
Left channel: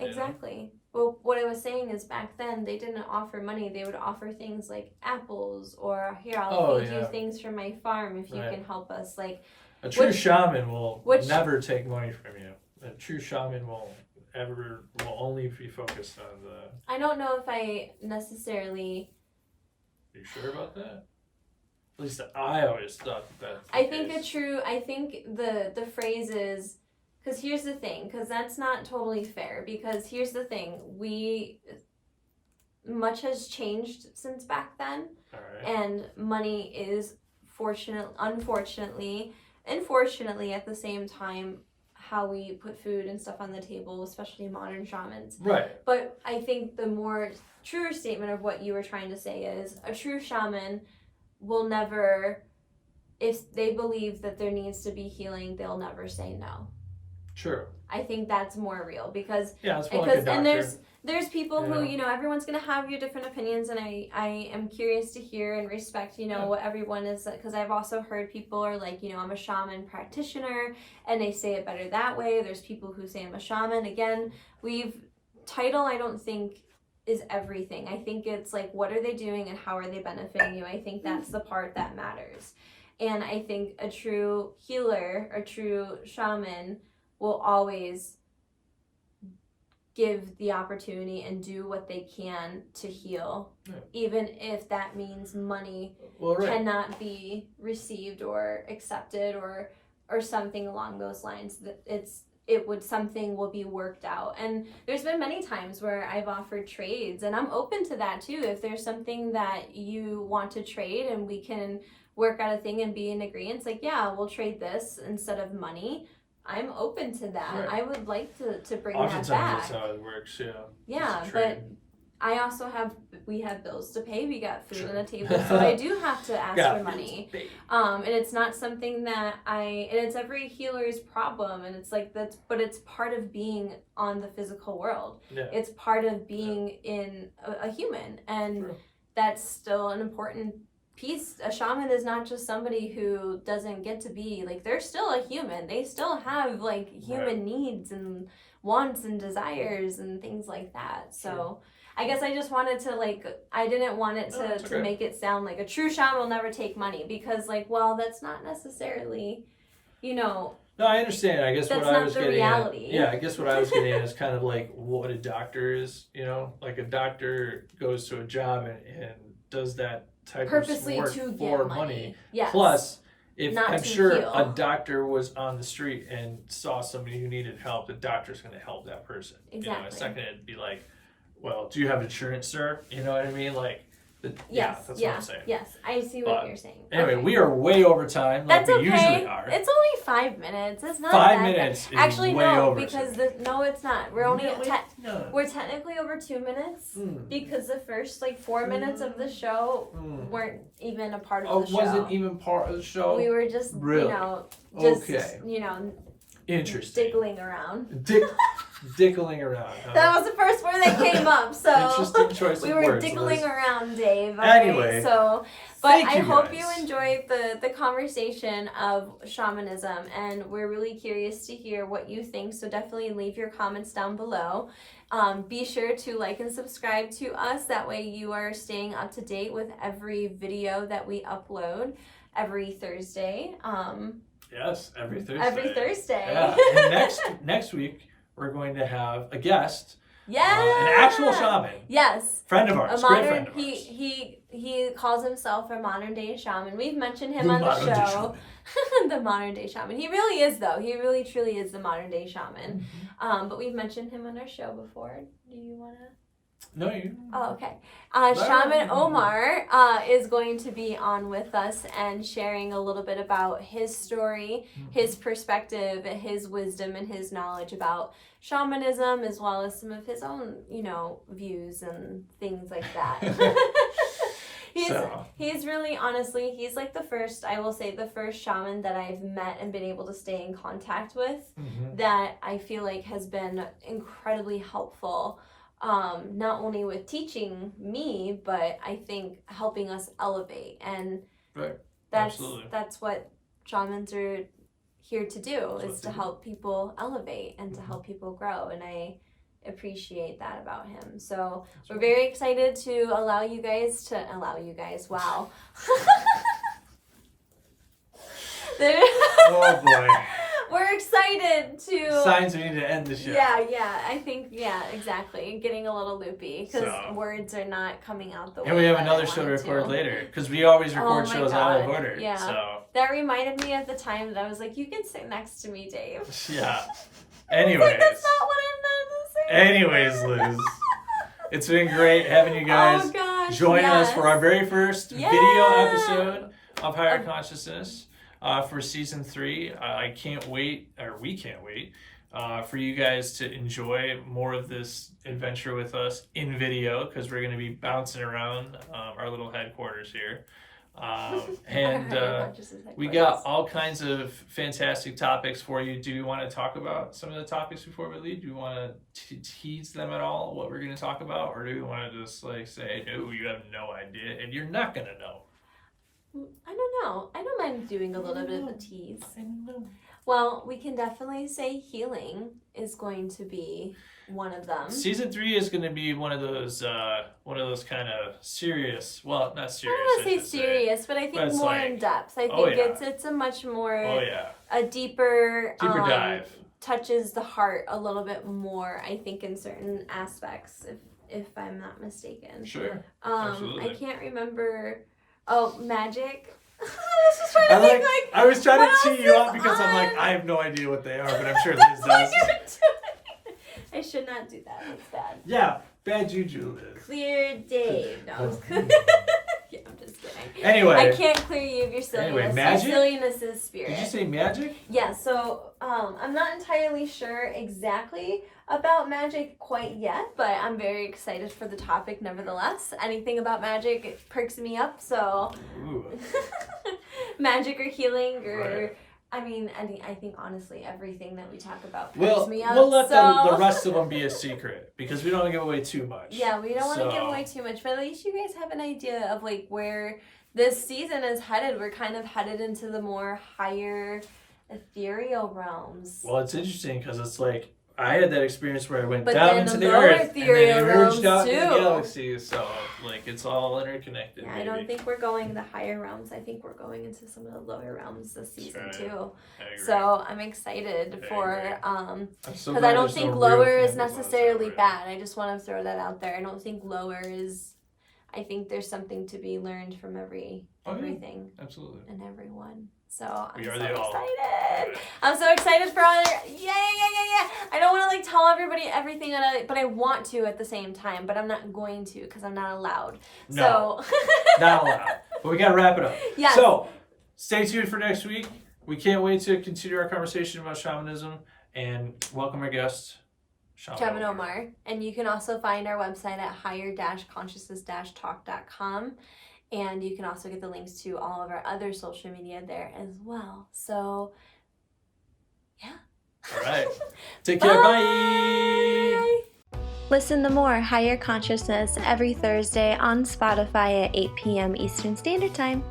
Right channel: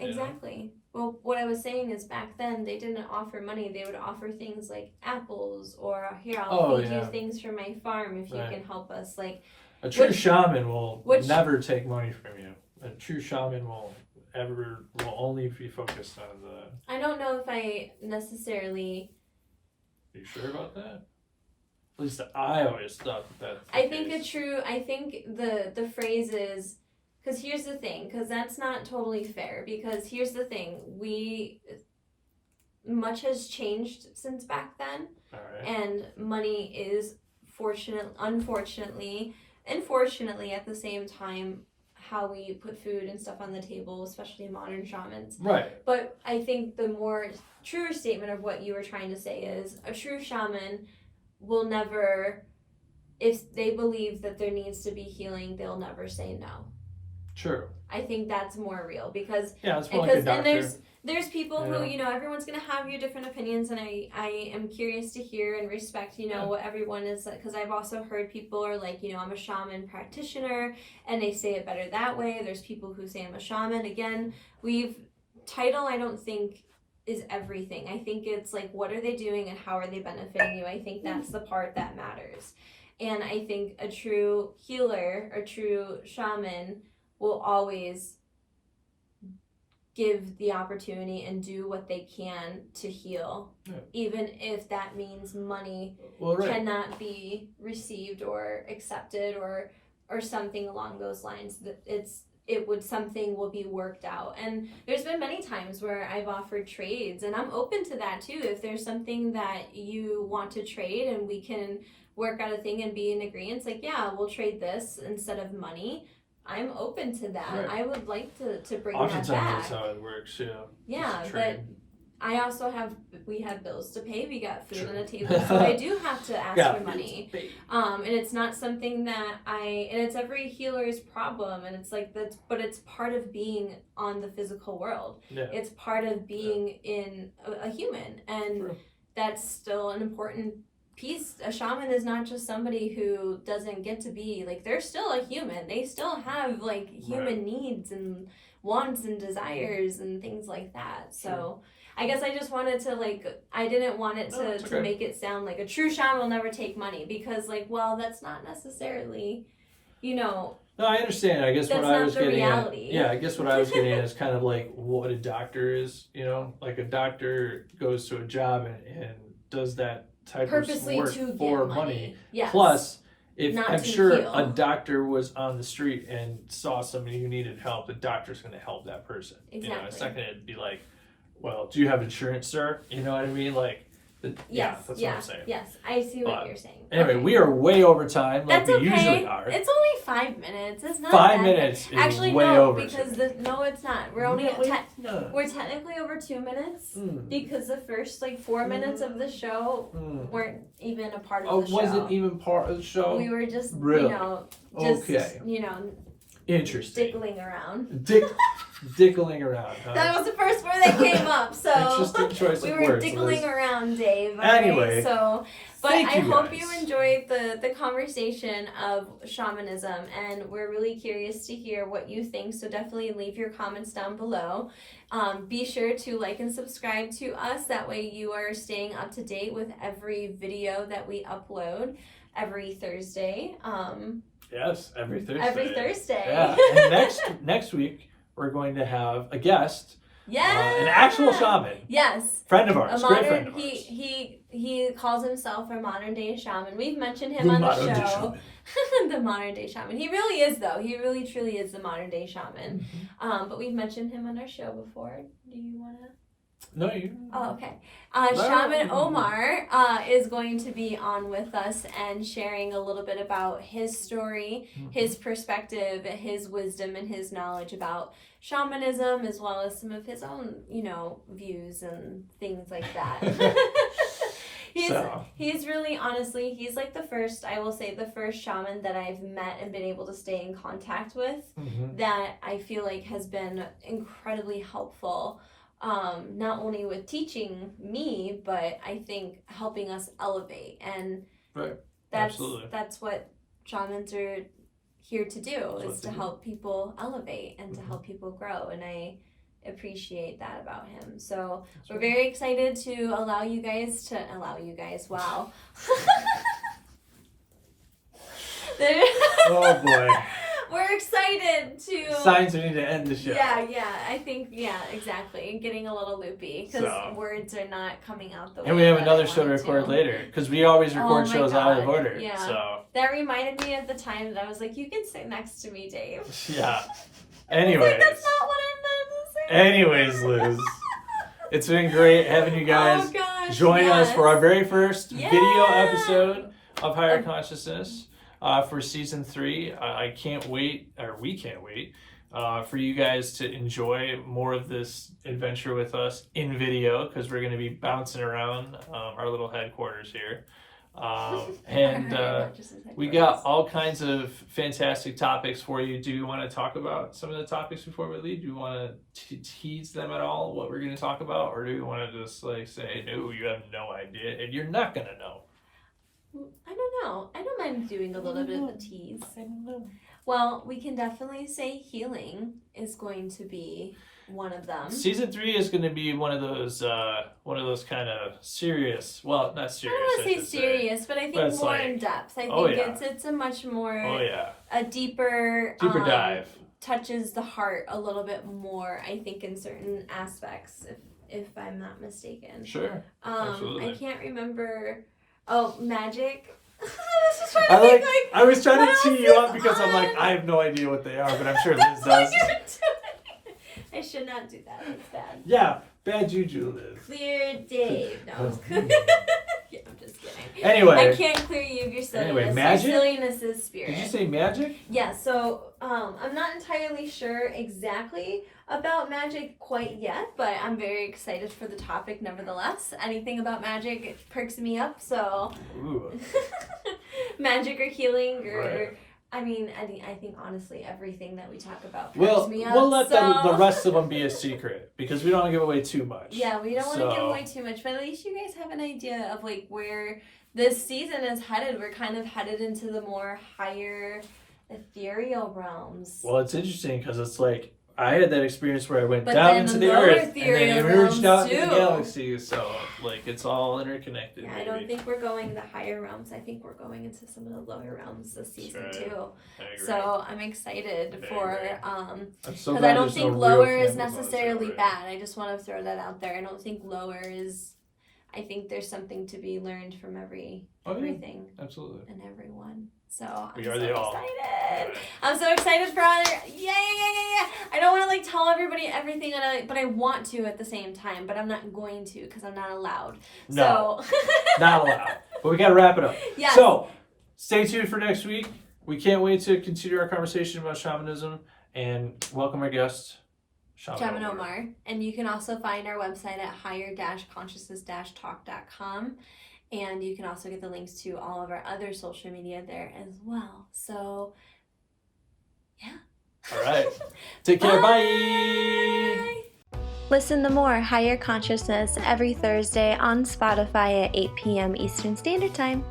Exactly. Well, what I was saying is back then they didn't offer money. They would offer things like apples, or here, I'll feed you things from my farm if you can help us. Like a true shaman will never take money from you. A true shaman will only be focused on the. I don't know if I necessarily. Are you sure about that? At least I always thought that. I think the phrase is, because here's the thing, because that's not totally fair, because here's the thing, much has changed since back then. All right. And money is unfortunately and fortunately at the same time how we put food and stuff on the table, especially modern shamans. Right. But I think the more truer statement of what you were trying to say is a true shaman will never, if they believe that there needs to be healing, they'll never say no. True. I think that's more real because it's more like a doctor. And there's people who, everyone's going to have your different opinions, and I am curious to hear and respect, what everyone is, because I've also heard people are like, I'm a shaman practitioner, and they say it better that way. There's people who say I'm a shaman. Again, title I don't think is everything. I think it's like, what are they doing and how are they benefiting you? I think that's the part that matters. And I think a true healer, a true shaman will always give the opportunity and do what they can to heal, even if that means money cannot be received or accepted or something along those lines. Something will be worked out. And there's been many times where I've offered trades, and I'm open to that too. If there's something that you want to trade and we can work out a thing and be in agreement, like, we'll trade this instead of money. I'm open to that. Right. I would like to bring that back. Oftentimes that's how it works, Yeah, but I also we have bills to pay. We got food on the table, so I do have to ask for money. And it's not something that and it's every healer's problem, and it's like but it's part of being on the physical world. Yeah. It's part of being in a human, and that's still an important piece. A shaman is not just somebody who doesn't get to be like, they're still a human. They still have like human needs and wants and desires and things like that. So I guess I just wanted to I didn't want it to make it sound like a true shaman will never take money, because that's not necessarily, No, I understand. I guess what I was getting reality. I guess what I was getting at is kind of like what a doctor is, like a doctor goes to a job and does that type purposely of work to for get money. Yes. Plus, if I'm sure heal. A doctor was on the street and saw somebody who needed help, the doctor's going to help that person. Exactly. It's not going to be like, well, do you have insurance, sir? You know what I mean? Like, that's what I'm saying. Yes, I see what you're saying. Anyway, we are way over time, like we usually are. It's only 5 minutes. It's not 5 minutes is actually way no, over. Because no, it's not. We're only we're technically over 2 minutes because the first 4 minutes of the show weren't even a part of the show. Wasn't even part of the show. We were just interesting. Diggling around. Dickling around. Huh? That was the first word that came up. So interesting choice of words. We were dickling around, Dave. Okay? Anyway, but I hope you enjoyed the conversation of shamanism, and we're really curious to hear what you think. So definitely leave your comments down below. Be sure to like and subscribe to us. That way you are staying up to date with every video that we upload every Thursday. Yes, every Thursday. Every Thursday. Yeah. And next week we're going to have a guest. Yeah. An actual shaman. Yes. Friend of ours. Great friend of ours. He calls himself a modern day shaman. We've mentioned him on the show. The modern day shaman. He really is, though. He really truly is the modern day shaman. Mm-hmm. But we've mentioned him on our show before. Do you want to? No, you. Oh, okay. Shaman Omar is going to be on with us and sharing a little bit about his story, his perspective, his wisdom, and his knowledge about shamanism, as well as some of his own, views and things like that. He's really, honestly, he's like the first shaman that I've met and been able to stay in contact with that I feel like has been incredibly helpful. Not only with teaching me, but I think helping us elevate, and that's what shamans are here to do, is to do. help people elevate and to help people grow. And I appreciate that about him. So we're very excited to allow you guys. Wow. Oh boy. We're excited to. Signs we need to end the show. Yeah. I think, exactly. And getting a little loopy because words are not coming out the way. And we have that another I show to wanted record later because we always record my shows out of God. order. Yeah. So that reminded me of the time that I was like, you can sit next to me, Dave. yeah. Anyways. Like, that's not what I meant to say. Anyways, Liz, it's been great having you guys join us for our very first video episode of Higher Consciousness for season 3. I can't wait, or we can't wait, for you guys to enjoy more of this adventure with us in video because we're going to be bouncing around our little headquarters here. And we got all kinds of fantastic topics for you. Do you want to talk about some of the topics before we leave? Do you want to tease them at all, what we're going to talk about? Or do you want to just like say, no, you have no idea and you're not going to know? I don't know. I don't mind doing a little bit of a tease. I don't know. Well, we can definitely say healing is going to be one of them. Season 3 is going to be one of those kind of serious. Well, not serious. I don't want to say serious, but I think more in depth. I think it's a much more a deeper dive. Touches the heart a little bit more. I think in certain aspects, if I'm not mistaken. Sure. Absolutely. I can't remember. Oh, magic. I was trying to tee you up because I'm like, I have no idea what they are, but I'm sure Liz does. I should not do that. It's bad. Yeah, bad juju, Liz. Clear Dave. No. Yeah, I'm just kidding. Anyway. I can't clear you of your silliness. Anyway, magic? Your silliness is spirit. Did you say magic? Yeah, so I'm not entirely sure exactly about magic quite yet, but I'm very excited for the topic nevertheless. Anything about magic, it perks me up, so... Ooh. Magic or healing or... Right. I mean, I think honestly everything that we talk about perks me up. We'll let the rest of them be a secret because we don't want to give away too much. Yeah, we don't want to give away too much, but at least you guys have an idea of like where this season is headed. We're kind of headed into the more higher ethereal realms. Well, it's interesting because it's like I had that experience where I went But down then into the the lower earth and then ethereal emerged out realms into the too. galaxy. So like it's all interconnected. Yeah, I don't think we're going the higher realms. I think we're going into some of the lower realms this season too. So I'm excited for because I don't think lower is necessarily bad. I just want to throw that out there. I don't think lower is. I think there's something to be learned from everything. Absolutely. And everyone. So I'm We are so the all. excited. I'm so excited for all. Yeah. I don't want to like tell everybody everything, but I want to at the same time. But I'm not going to because I'm not allowed. No, so. not allowed. But we got to wrap it up. Yes. So stay tuned for next week. We can't wait to continue our conversation about shamanism and welcome our guest, Shaman Omar. And you can also find our website at higher-consciousness-talk.com. And you can also get the links to all of our other social media there as well. So, yeah. All right. Take care. Bye. Listen to more Higher Consciousness every Thursday on Spotify at 8 p.m. Eastern Standard Time.